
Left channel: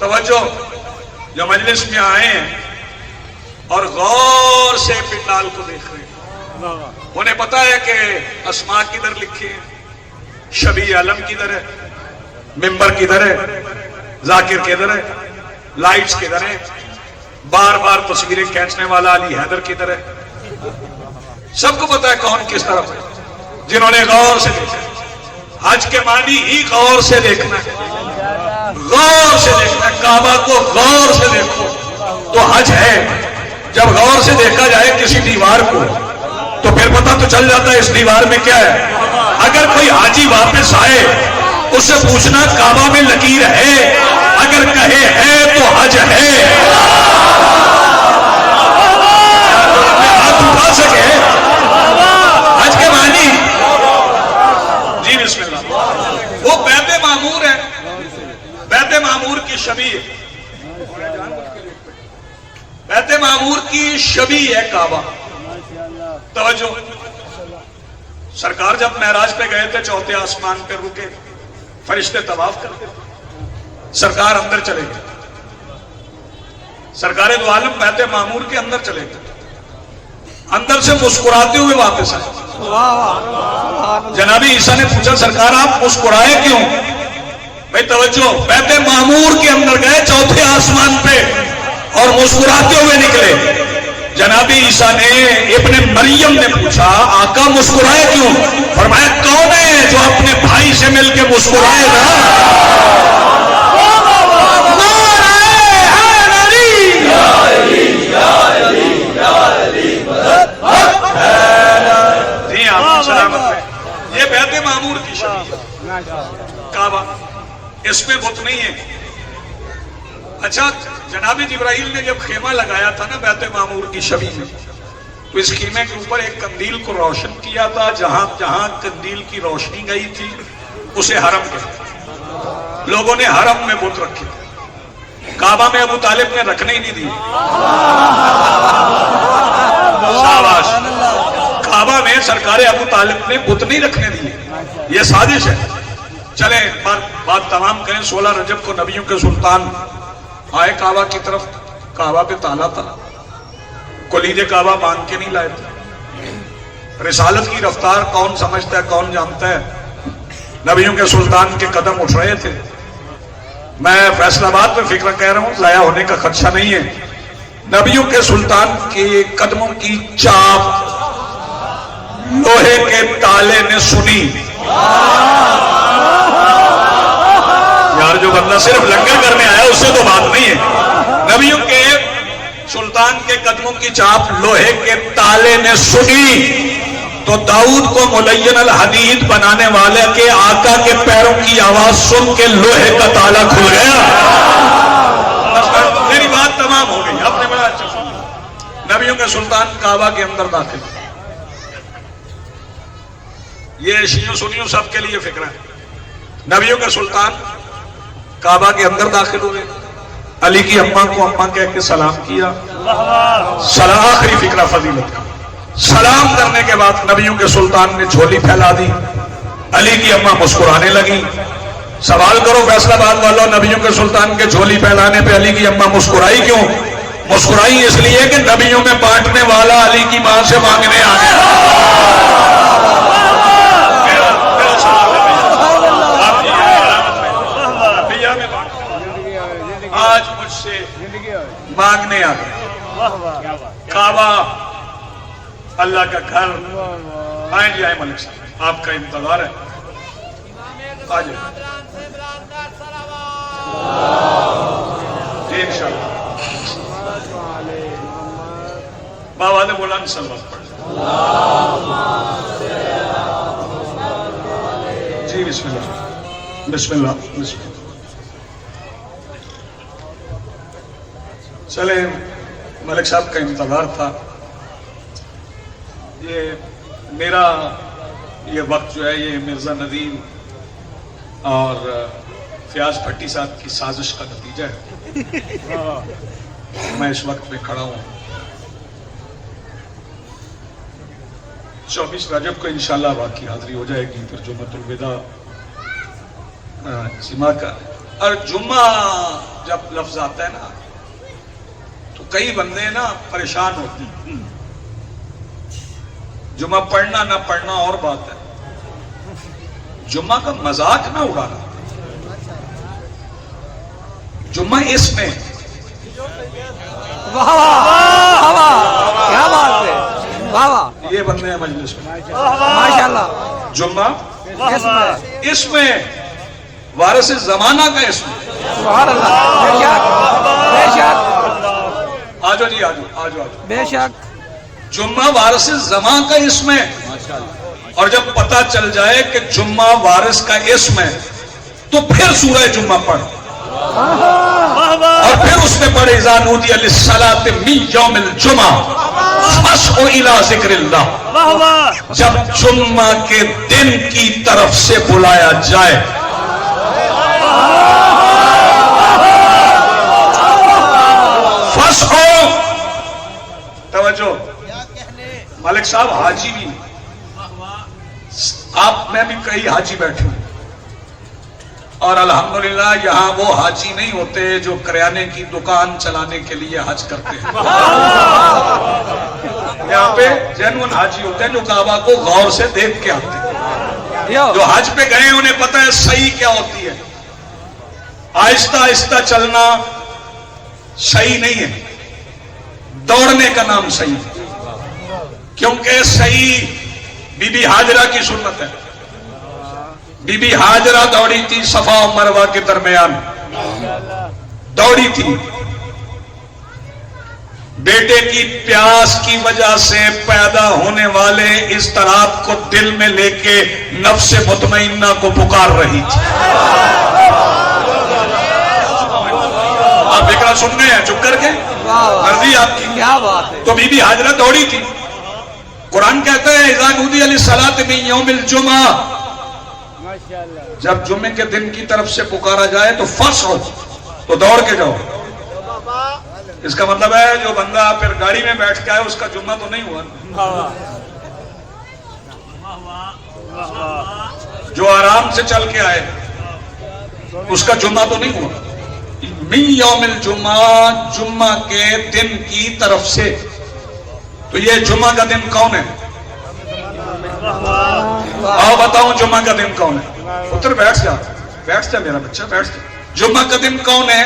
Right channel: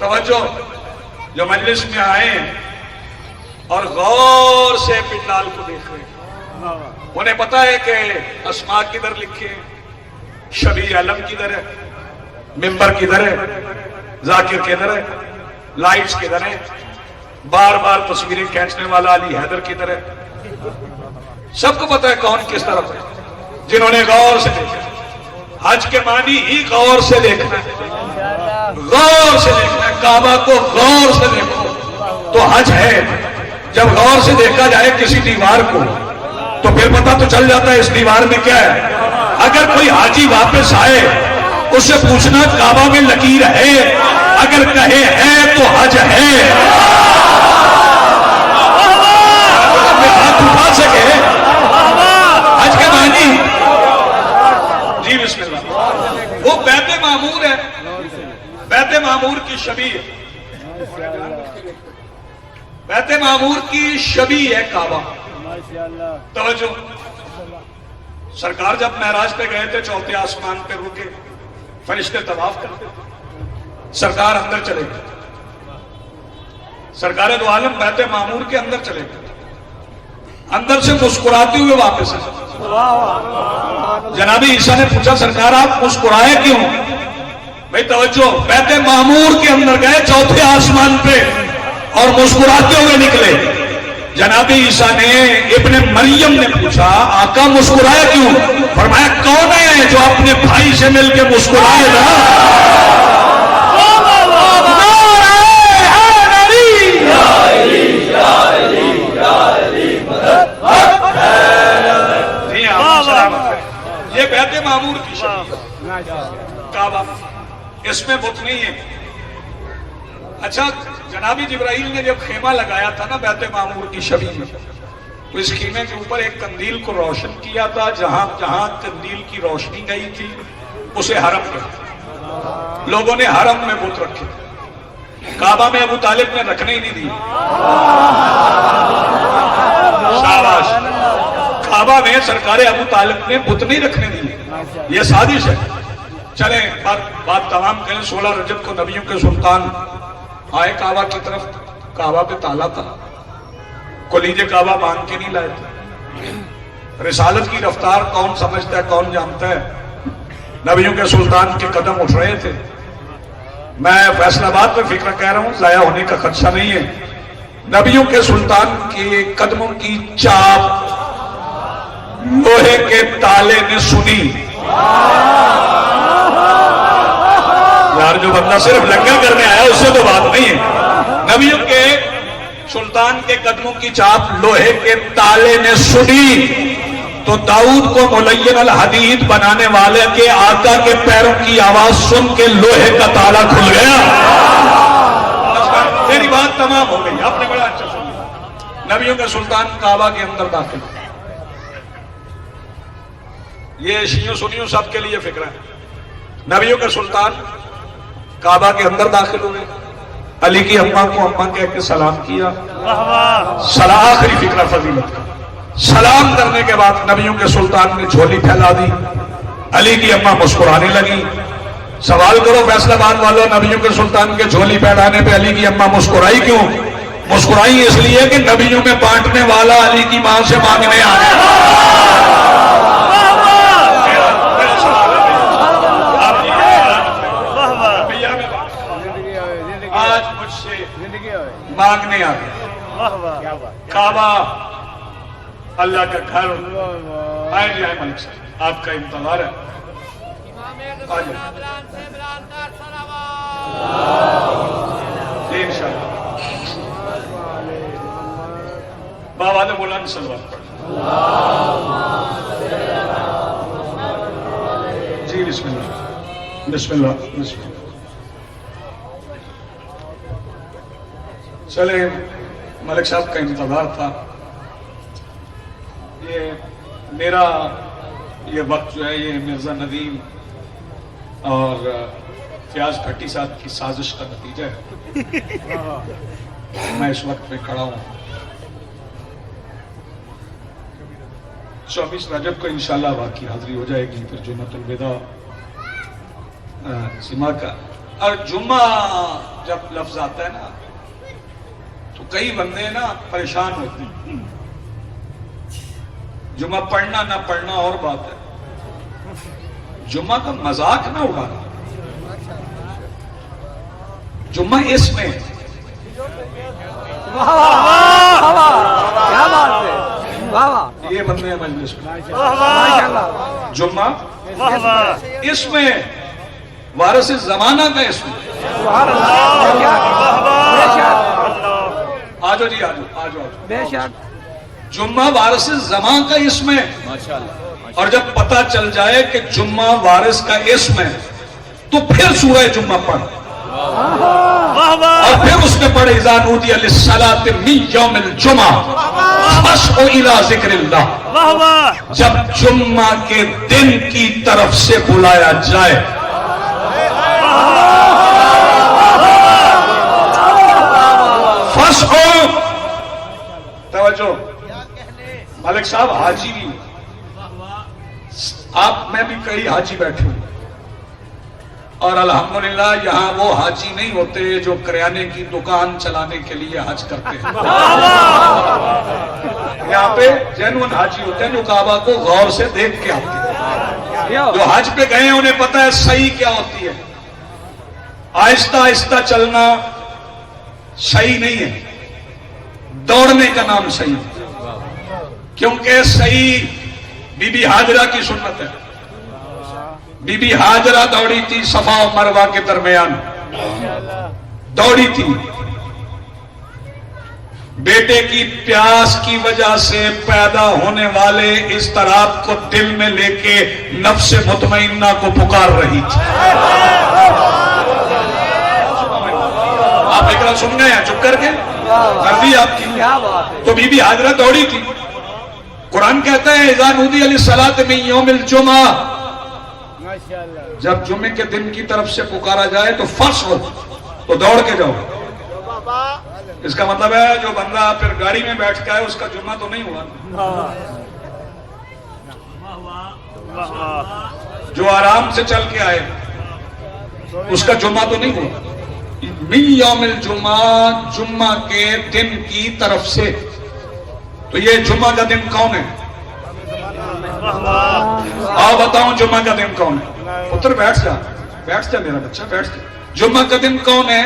तवज्जो, जो मजलिस में आए हैं और गौर से पिंडाल को देख रहे हैं, उन्हें पता है कि अस्मा किधर लिखे हैं, शबी आलम किधर है, मिंबर किधर है, जाकिर किधर है, लाइट्स किधर है, बार बार तस्वीरें खींचने वाला अली हैदर किधर है। सबको पता है कौन किस तरफ है, जिन्होंने गौर से देखा। हज के मानी ही गौर से देखना है, गौर से देखना है। काबा को गौर से देखो तो हज है। जब गौर से देखा जाए किसी दीवार को तो फिर पता तो चल जाता है इस दीवार में क्या है। अगर कोई हाजी वापस आए उससे पूछना काबा में लकीर है, अगर कहे है तो हज है। हाथ उठा सके हज के मानी जी, बिस्मिल्लाह। वो बैत मामूर है, बैत मामूर की शबी है, बैत मामूर की शबी है काबा। तवज्जो, सरकार जब महराज पे गए थे चौथे आसमान पे रुके, फरिश्ते तवाफ करते थे, सरकार अंदर चले गए, सरकार दो आलम बैत मामूर के अंदर चले गए, अंदर से मुस्कुराते हुए वापस आए। जनाबी ईसा ने पूछा सरकार आप मुस्कुराए क्यों? भाई तवज्जो, बैत मामूर के अंदर गए चौथे आसमान पे और मुस्कुराते हुए निकले। जनाबी ईसा ने इब्ने मरियम ने पूछा आका मुस्कुराए क्यों? फरमाया कौन है जो अपने भाई से मिलकर मुस्कुराए ना? ये बैत मामूर की शबी काबा, इसमें बुत नहीं है। अच्छा, जनाबी जिब्राइल ने जब खेमा लगाया था ना बैत मामूर की शबी में, तो इस खेमे के ऊपर एक कंदील को रोशन किया था। जहां जहां कंदील की रोशनी गई थी उसे हरम कहते। लोगों ने हरम में बुत रखे, काबा में अबू तालिब ने रखने ही नहीं दिए। शाबाश, काबा में सरकारे अबू तालिब ने बुत नहीं रखने दिए, ये साजिश है। चले बात तमाम करें। 16 रजब को नबियों के सुल्तान आए काबा की तरफ, काबा पे ताला था, कुलीजे काबा मांग के नहीं लाए थे। रिसालत की रफ्तार कौन समझता है, कौन जानता है? नबियों के सुल्तान के कदम उठ रहे थे। मैं फैसलाबाद में फिक्र कह रहा हूं, जाया होने का खदशा नहीं है। नबियों के सुल्तान के कदमों की चाप लोहे के ताले ने सुनी। यार जो बंदा सिर्फ लंगर करने आया उससे तो बात नहीं है। नबियों के सुल्तान के कदमों की चाप लोहे के ताले ने सुनी तो दाऊद को मुलय्यन अल हदीद बनाने वाले के आका के पैरों की आवाज सुन के लोहे का ताला खुल गया। मेरी बात तमाम हो गई, आपने बड़ा अच्छा सुना। नबियों के सुल्तान काबा के अंदर दाखिल, ये शियों सुनियों सबके लिए फिक्र है। नबियों के सुल्तान काबा के अंदर दाखिल हुए, अली की अम्मा को अम्मा कह के सलाम किया। सलाम आखिरी फिक्रा फजीलत का। सलाम करने के बाद नबियों के सुल्तान ने झोली फैला दी। अली की अम्मा मुस्कुराने लगी। सवाल करो फैसलाबाद वालों, नबियों के सुल्तान के झोली फैलाने पे अली की अम्मा मुस्कुराई क्यों? मुस्कुराई इसलिए कि नबियों में बांटने वाला अली की मां से मांगने आ गया। आज मुझसे मांगने आ गए। काबा अल्लाह का घर। आए जी आए मलिक साहब, आपका इंतजार है। आ जाए इंशाअल्लाह। बाबा ने बोला सलवात पढ़ जी। बिस्मिल्लाह बिस्मिल्लाह बिस्मिल्लाह। चले, मलिक साहब का इंतजार था। ये मेरा ये वक्त जो है ये मिर्जा नदीम और फयाज भट्टी साहब की साजिश का नतीजा है। मैं इस वक्त में खड़ा हूं। 24 रजब को इंशाल्लाह बाकी हाजिरी हो जाएगी, फिर जुम्मतुल विदा जिमा का। और जुम्मा जब लफ्ज आता है ना तो कई बंदे ना परेशान होते हैं। जुम्मा पढ़ना ना पढ़ना और बात है, जुम्मा का मजाक ना उड़ाना। जुम्मा इसमें क्या बात है, वाह ये बंदे हैं मजलिस में माशाल्लाह। जुम्मा इसमें वारिस जमाना का इसमें। आजो जी आजो आजो आजो। बेशक जुम्मा वारिस जमा का इसमें। और जब पता चल जाए कि जुम्मा वारिस का इसम है तो फिर सूरह जुम्मा पढ़ और फिर उसमें पढ़े इज़ा नूदिया लिस्सलाति मिन यौमिल जुमा फस्अू इला ज़िक्रिल्लाह। जब जुम्मा के दिन की तरफ से बुलाया जाए फस्अू। तवज्जो, मलिक साहब हाजी भी, आप में भी कई हाजी बैठे हूं और अल्हम्दुलिल्लाह यहां वो हाजी नहीं होते जो किराने की दुकान चलाने के लिए हज करते हैं। यहाँ पे जेन्युइन हाजी होते हैं जो काबा को गौर से देख के आते हैं। जो हज पे गए उन्हें पता है सही क्या होती है। आहिस्ता आहिस्ता चलना सही नहीं है, दौड़ने का नाम सही है। क्योंकि सही बीबी हाजरा की सुन्नत है। बीबी हाजरा दौड़ी थी सफा और मरवा के दरमियान, दौड़ी थी। बेटे की प्यास की वजह से पैदा होने वाले इस तराब को दिल में लेके नफ्स मुतमइन्ना को पुकार रही थी। आप एक सुन गए हैं चुप करके, मर्जी आपकी। क्या बात है। तो बीबी हाजरा दौड़ी थी। कुरान कहता है इज़ा नूदिया लिस्सलाति मिन यौमिल जुमा, जब जुम्मे के दिन की तरफ से पुकारा जाए तो फस्अू, तो दौड़ के जाओ। इसका मतलब है जो बंदा फिर गाड़ी में बैठ के आए उसका जुम्मा तो नहीं हुआ। जो आराम से चल के आए उसका जुम्मा तो नहीं हुआ। मिन यौमिल जुमा, जुम्मा के दिन की तरफ से। तो ये जुम्मा का दिन कौन है? आओ बताओ जुम्मा का दिन कौन है? पुत्र बैठ जा, बैठ जा मेरा बच्चा, बैठ जा। जुम्मा का दिन कौन है?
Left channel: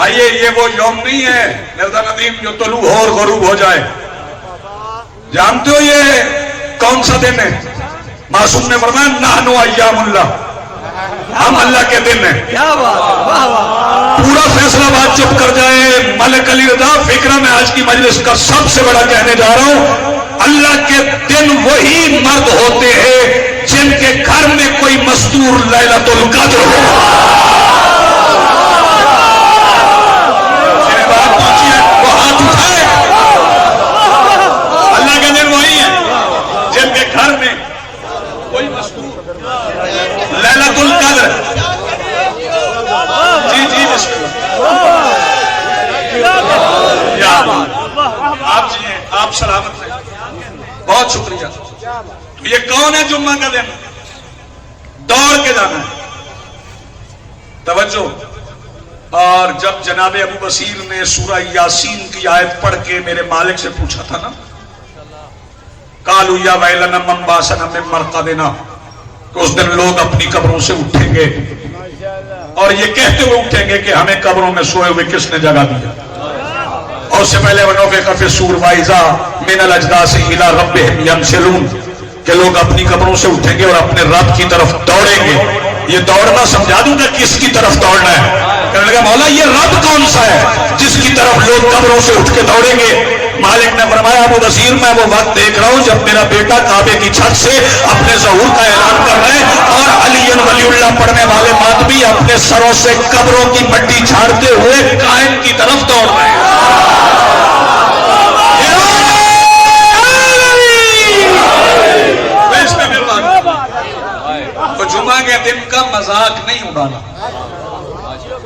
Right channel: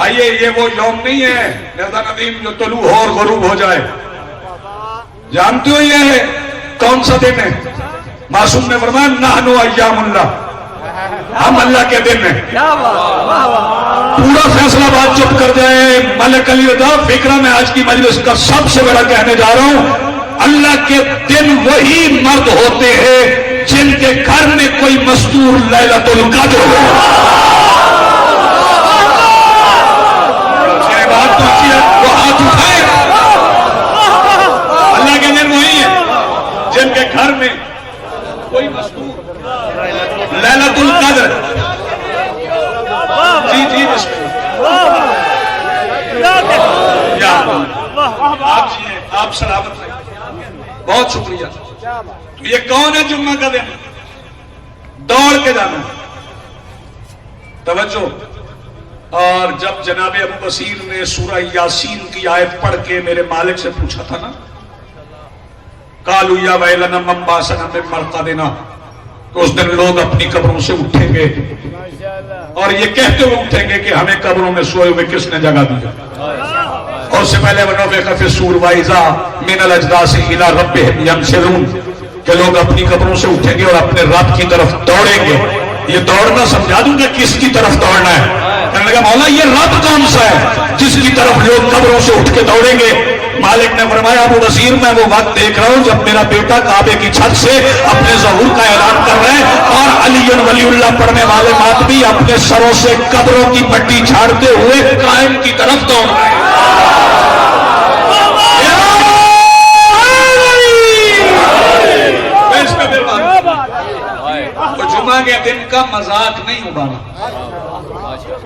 आइए, ये वो यौम नहीं है मिर्जा नदीम जो तुलू हो और गुरूब हो जाए। जानते हो ये कौन सा दिन है? मासूम ने फरमाया नाहनु अय्यामुल्लाह, हम अल्लाह के दिन हैं। क्या बात, वाह वाह। पूरा फैसलाबाद चुप कर जाए। मलिक अली रज़ा, फिक्र में आज की मजलिस का सबसे बड़ा कहने जा रहा हूं, अल्लाह के दिन वही मर्द होते हैं जिनके घर में कोई मस्तूर लैलतुल कद्र हो। मेरे बात पूछिए, वो हाथ उठाए। अल्लाह के दिन वही है जिनके घर में कोई मस्तूर लैलतुल कद्र। जी जी या आप जी हैं, आप सलामत हैं, बहुत शुक्रिया। तो ये कौन है जुम्मा का दिन? दौड़ के जाना है, तवज्जो। और जब जनाब अबू बसीर ने सूरह यासीन की आयत पढ़ के मेरे मालिक से पूछा था ना, कालू या वैलना मम्बासना में मरका देना, तो उस दिन लोग अपनी कब्रों से उठेंगे और ये कहते हुए उठेंगे कि हमें कब्रों में सोए हुए किसने जगा दिया। और उससे पहले वनोफे कफे सूर वाइजा मिनल अजदासी इला रब्बिहिम यंसिलून, के लोग अपनी कब्रों से उठेंगे और अपने रब की तरफ दौड़ेंगे। ये दौड़ना समझा दूंगा किसकी तरफ दौड़ना है। कहने लगा मौला ये रब कौन सा है जिसकी तरफ लोग कब्रों से उठ के दौड़ेंगे? मालिक ने फरमाया अबू बसीर मैं वो वक्त देख रहा हूं जब मेरा बेटा काबे की छत से अपने ज़हूर का ऐलान कर रहे हैं और अली वलीउल्लाह पढ़ने वाले आदमी अपने सरों से कब्रों की मट्टी झाड़ते हुए कायम की तरफ दौड़ रहे हैं। तो जुमा के दिन का मजाक नहीं उड़ाना,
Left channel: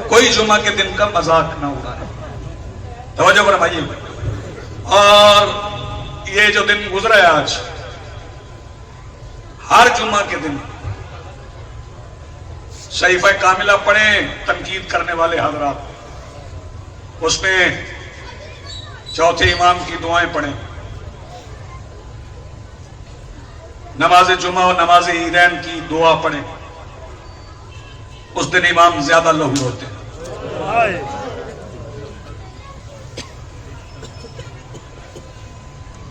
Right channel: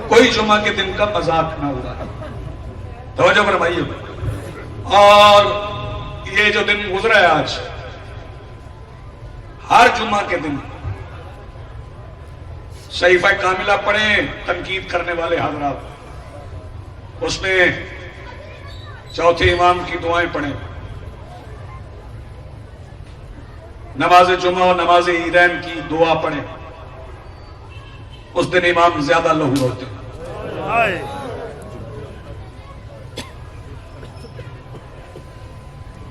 कोई जुमा के दिन का मजाक ना उड़ाए, तवज्जो फरमाइए। और ये जो दिन गुजरा है आज, हर जुमा के दिन शरीफा कामिला पढ़े तनकीद करने वाले हजरात, उसमें चौथे इमाम की दुआएं पढ़ें, नमाज जुमा और नमाज ईदैन की दुआ पढ़ें। उस दिन इमाम ज्यादा लहू होते हैं।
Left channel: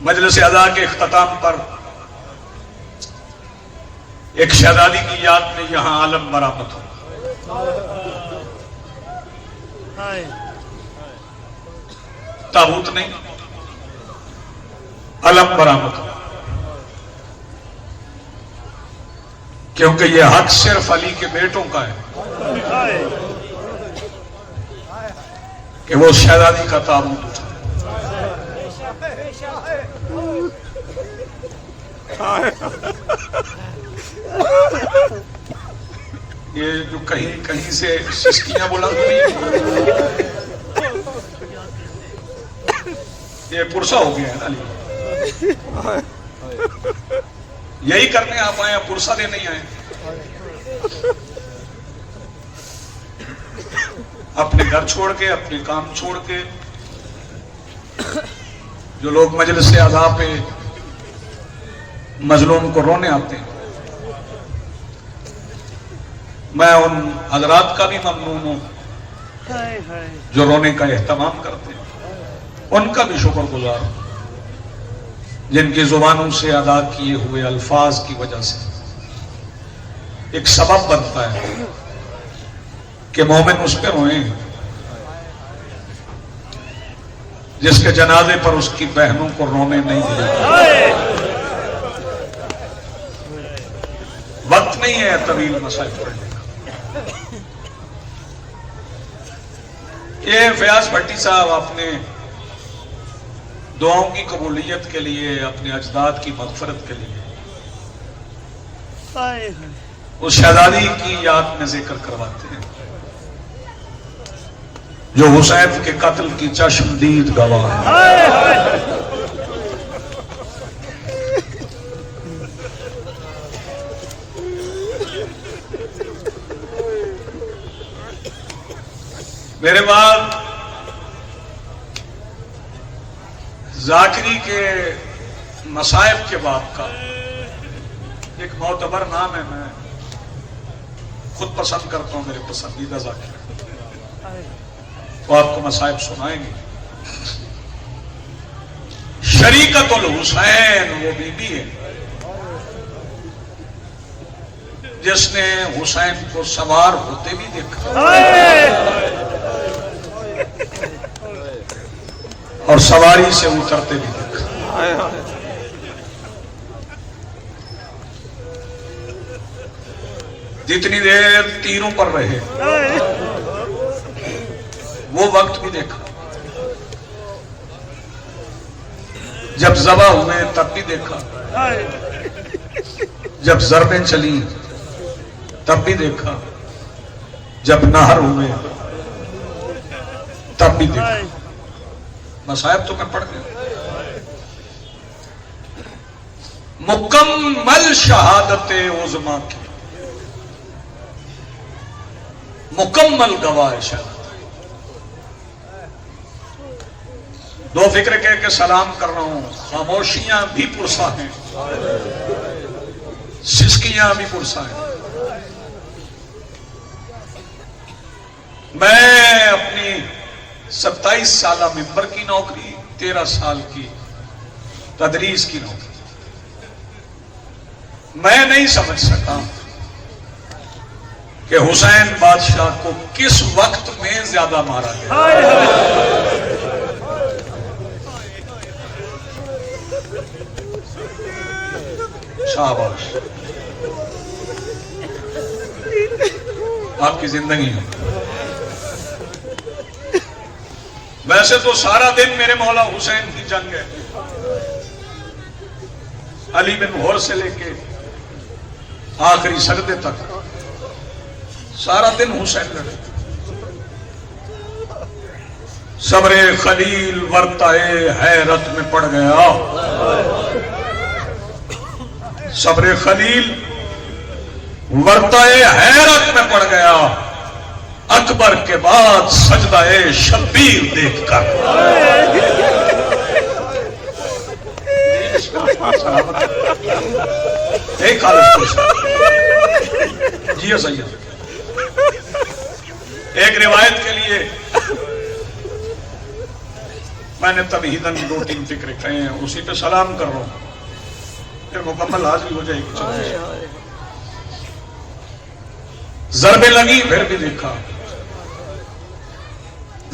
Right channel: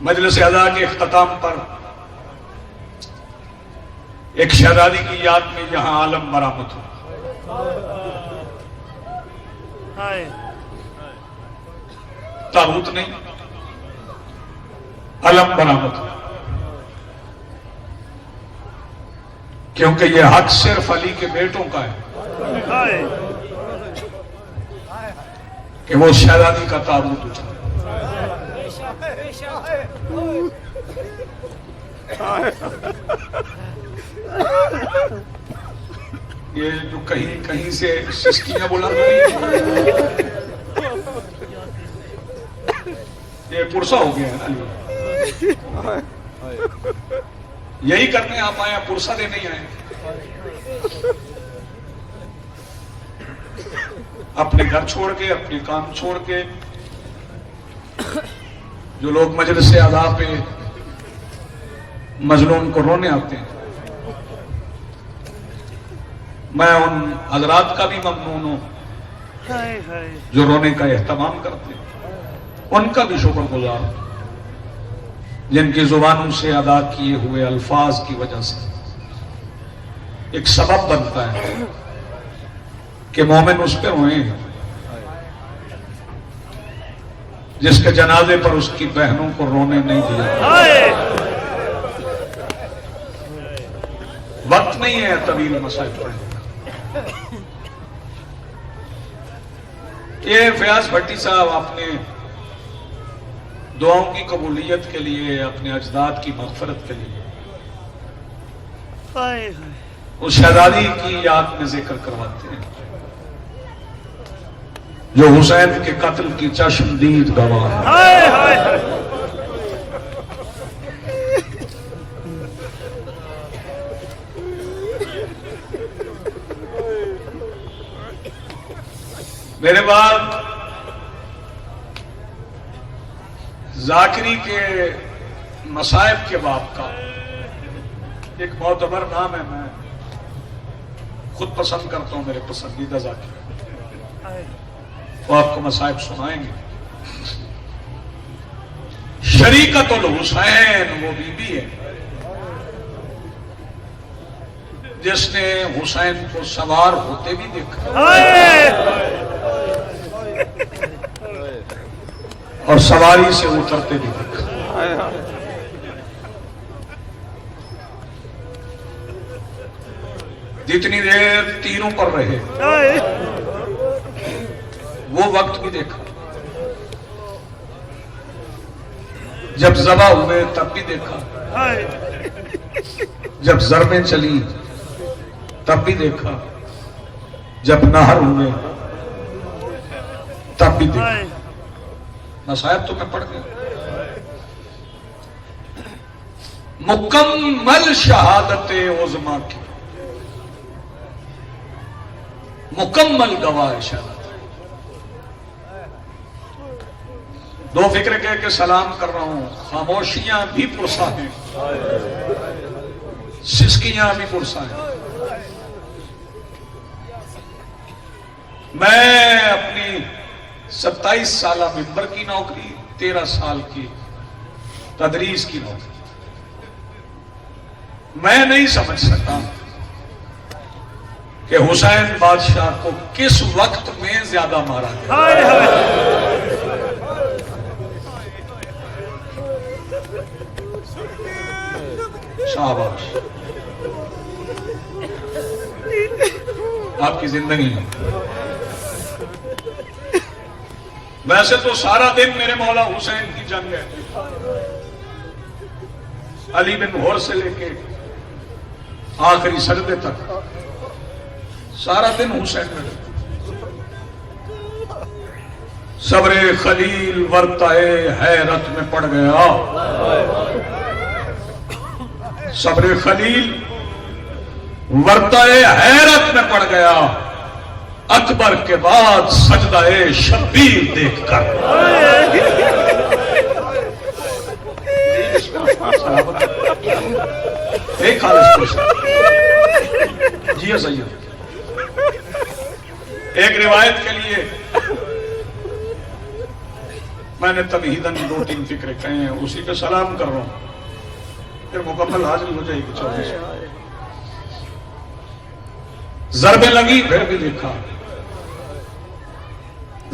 मजलिस अज़ा के इख्तिताम पर एक शहजादी की याद में यहां आलम बरामद हो। ताबूत नहीं, अलम बरामद हो, क्योंकि यह हक सिर्फ अली के बेटों का है कि वो शहजादी का ताबूत उठा। ये जो कहीं कहीं से सिस्कियां बुलंद हुई, ये पुरसा हो गया है ना। यही करने आप आए, पुरसा देने नहीं आए। अपने घर छोड़ के, अपने काम छोड़ के जो लोग मजलिस अज़ा पे मजलूम को रोने आते हैं, मैं उन हजरात का भी ममनून हूं जो रोने का एहतमाम करते हैं, उनका भी शुक्रगुजार हूं जिनकी जुबानों से अदा किए हुए अल्फाज की वजह से एक सबब बनता है कि मोमिन उस पर रोए जिसके जनाजे पर उसकी बहनों को रोने नहीं दिया। वक्त नहीं है तवील मसाइल पर। ये फयाज भट्टी साहब अपने दुआओं की कबूलियत के लिए, अपने अजदाद की मगफरत के लिए उस शहजादी की याद में जिक्र करवाते हैं जो हुसैन के कत्ल की चश्मदीद गवाह है। मेरे बाद जाकिरी के मसाइब के बाप का एक मोतबर नाम है, मैं खुद पसंद करता हूं, मेरे पसंदीदा जाकिर, तो आपको मसाइब सुनाएंगे। शरीकत उल हुसैन वो बीबी है जिसने हुसैन को सवार होते भी देखा और सवारी से उतरते भी देखा। जितनी देर तीरों पर रहे वो वक्त भी देखा, जब ज़बा हुए तब भी देखा, जब ज़रबें चली तब भी देखा, जब नहर हुए तब भी देखा। मसायब तो मैं पढ़ गया। मुकम्मल शहादत उज़मा की मुकम्मल गवाह शहादत। दो फिक्र कह के सलाम कर रहा हूं, खामोशियां भी पुरसा हैं, सिसकियां भी पुरसा हैं। मैं अपनी 27 साल मिंबर की नौकरी, 13 साल की तदरीस की नौकरी, मैं नहीं समझ सका कि हुसैन बादशाह को किस वक्त में ज्यादा मारा गया। शाबाश, आपकी जिंदगी में। वैसे तो सारा दिन मेरे मौला हुसैन की जंग है, अली बिन घोर से लेके आखिरी सजदे तक सारा दिन हुसैन लड़े। सब्रे खलील वर्ताए हैरत में पड़ गया, सब्रे खलील वर्ताए हैरत में पड़ गया, अकबर के बाद सजदाए शब्बीर देखकर। एक खालिस जी सही है। एक रिवायत के लिए मैंने तबहीदन 2-3 फिक्रे कहे हैं, उसी पे सलाम कर रहा हूं, फिर मुकम्मल हाजिर हो जाएगी। चलिए, ज़रबें लगी फिर भी देखा,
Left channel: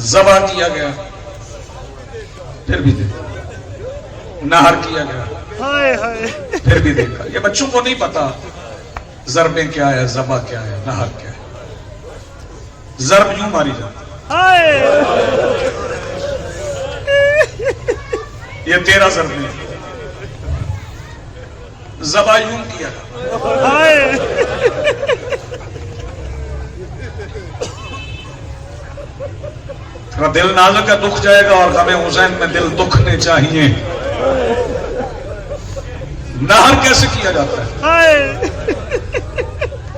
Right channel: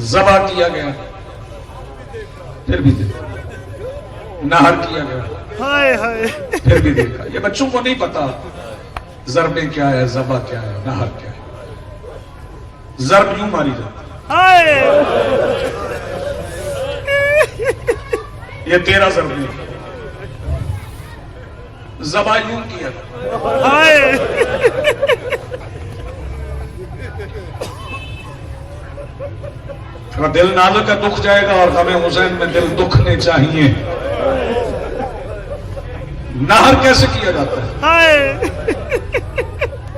ज़बा किया गया फिर भी देखा, नहर किया गया फिर भी देखा। ये बच्चों को नहीं पता ज़रबें क्या है, ज़बा क्या है, नहर क्या है। ज़रब यूं मारी जाती, ये 13 ज़रबें, ज़बा यूं किया तो दिल नाज़ुक का दुख जाएगा और हमें हुसैन में दिल दुखने चाहिए। नहर कैसे किया जाता है?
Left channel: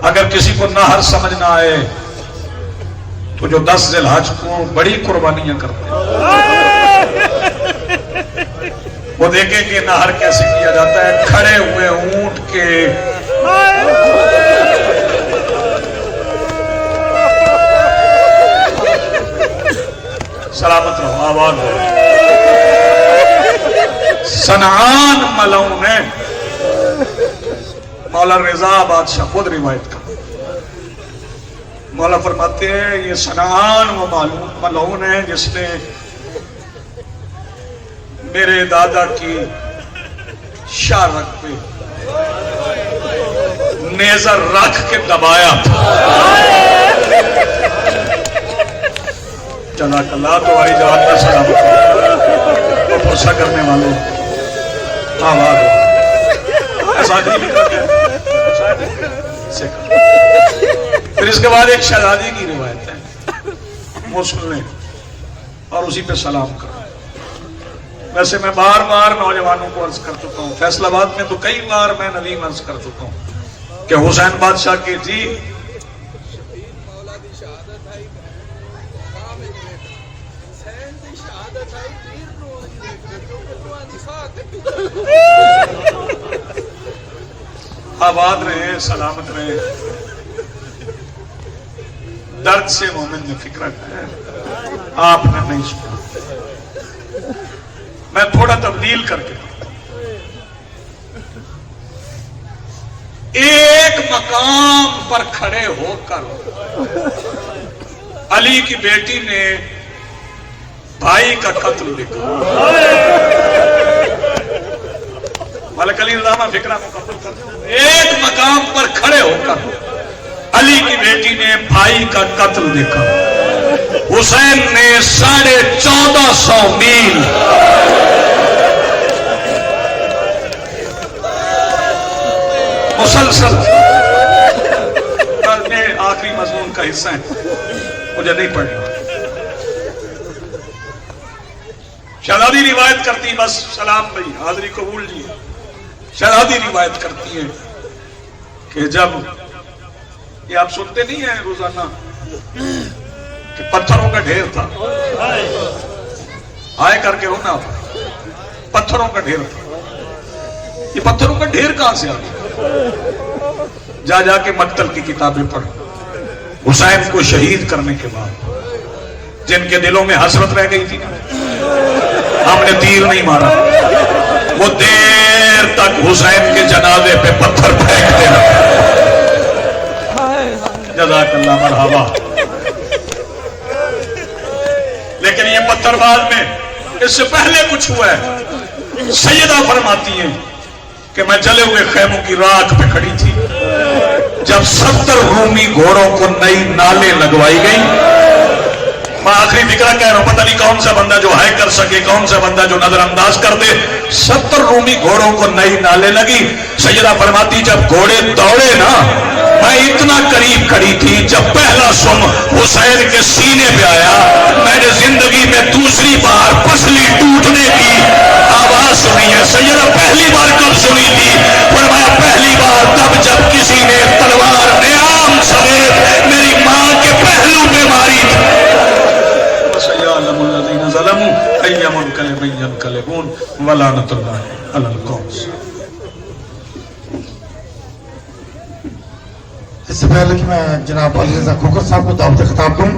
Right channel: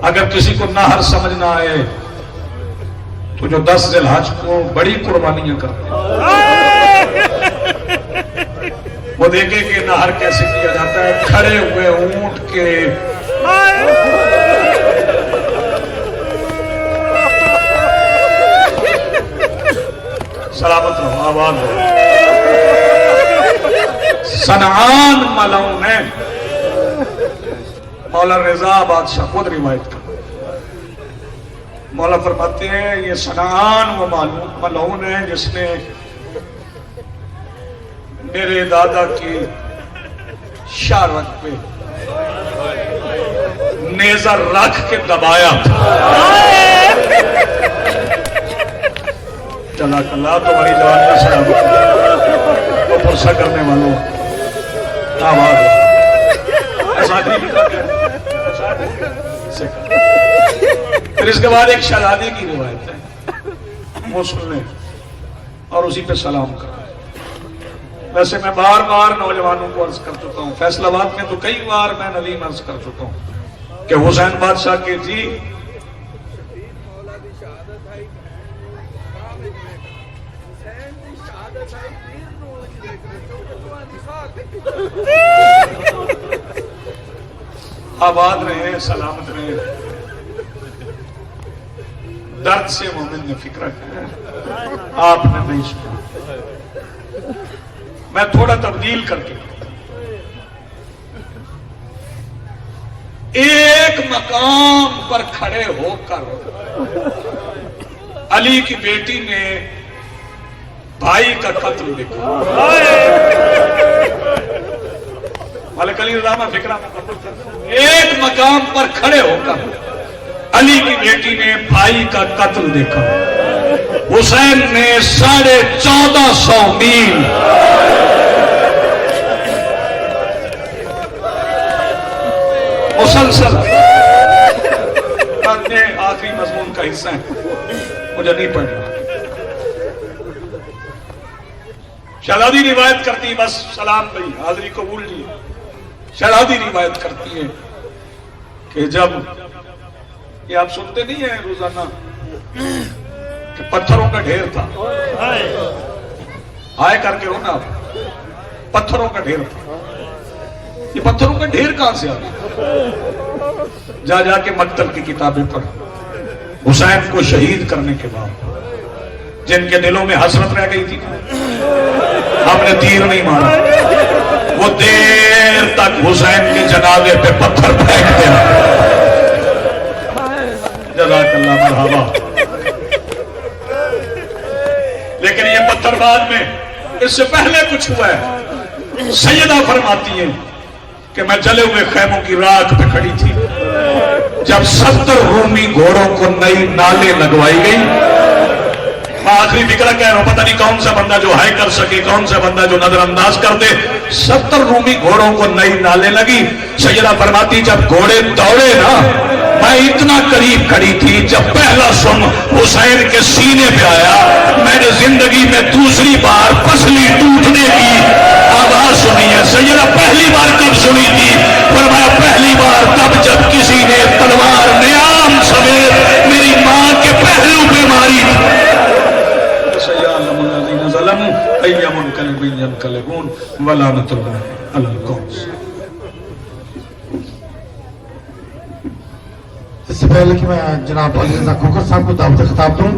अगर किसी को नहर समझ ना आए तो जो 10 ज़िलहज को बड़ी कुर्बानियां करते हैं वो देखे कि नहर कैसे किया जाता है। खड़े हुए ऊंट के सलामत रहो, आबाद रहो। सनआन मलऊन है, मौला रजा बादशाह खुद रिवायत कर, मौला फरमाते हैं ये सनआन वो मलऊन है जिसने मेरे दादा की शारत पे नेज़र रख के दबाया था। चला कला तुम्हारी जवान का सलामत, पुरसा करने वालों फिर इसके बाद एक शहजादी की रिवायत है, वो सुनने और उसी पे सलाम कर। वैसे मैं बार बार नौजवानों को अर्ज कर चुका हूँ, फैसलाबाद में तो कई बार मैं नवीन अर्ज कर चुका हूँ कि हुसैन बादशाह की थी आबाद रहे, सलामत रहे। दर्द से मोमिन ने फिक्र किया, आपने नहीं सुना। میں تھوڑا تبدیل کر کے ایک مقام پر کھڑے ہو کر علی کی بیٹی نے بھائی کا قتل لکھا. ملک علی علامہ فکرہ ایک مقام پر کھڑے ہو کر علی کی بیٹی نے بھائی کا قتل دیکھا. حسین نے 1450 میل مسلسل، میں آخری مضمون کا حصہ ہے مجھے نہیں پڑھنا. شہزادی روایت کرتی، بس سلام بھائی حاضری قبول لیے. شہزادی روایت کرتی ہے کہ جب یہ آپ سنتے نہیں ہیں روزانہ کہ پتھروں کا ڈھیر تھا، آئے کر کے ہونا پتھروں کا ڈھیر تھا. یہ پتھروں کا ڈھیر کہاں سے آتا؟ جا جا کے مقتل کی کتابیں پڑھ. حسین کو شہید کرنے کے بعد جن کے دلوں میں حسرت رہ گئی تھی ہم نے تیر نہیں مارا، وہ دیر تک حسین کے جنازے پہ پتھر پھینکتے رہے. جزاک اللہ مرحبا. لیکن یہ پتھر بعد میں، اس سے پہلے کچھ ہوا ہے. سیدہ فرماتی ہیں کہ میں جلے ہوئے خیموں کی راکھ پہ کھڑی تھی جب 70 رومی گھوڑوں کو نئی نالیں لگوائی گئی. میں آخری فکرہ کہہ رہا ہوں، پتہ نہیں کون سا بندہ جو ہائے کر سکے، کون سا بندہ جو نظر انداز کر دے. 70 رومی گھوڑوں کو نئی نالیں لگی. سیدہ فرماتی جب گھوڑے دوڑے نا، میں اتنا قریب کھڑی تھی، جب پہلا سم حسین کے سینے پہ آیا میں نے زندگی میں دوسری بار پسلی ٹوٹنے کی آواز سنی ہے. سیدہ پہلی بار کب سنی تھی؟ فرمایا پہلی بار تب جب کسی نے تلوار نیام سمیت میری ماں کے پہلو پہ ماری تھی. سیعلم الذین ظلموا ای منقلب ینقلبون ولعنۃ اللہ علی القوم. اس سے پہلے کہ میں جناب علی رضا کھوکھر صاحب کو دعوت خطاب دوں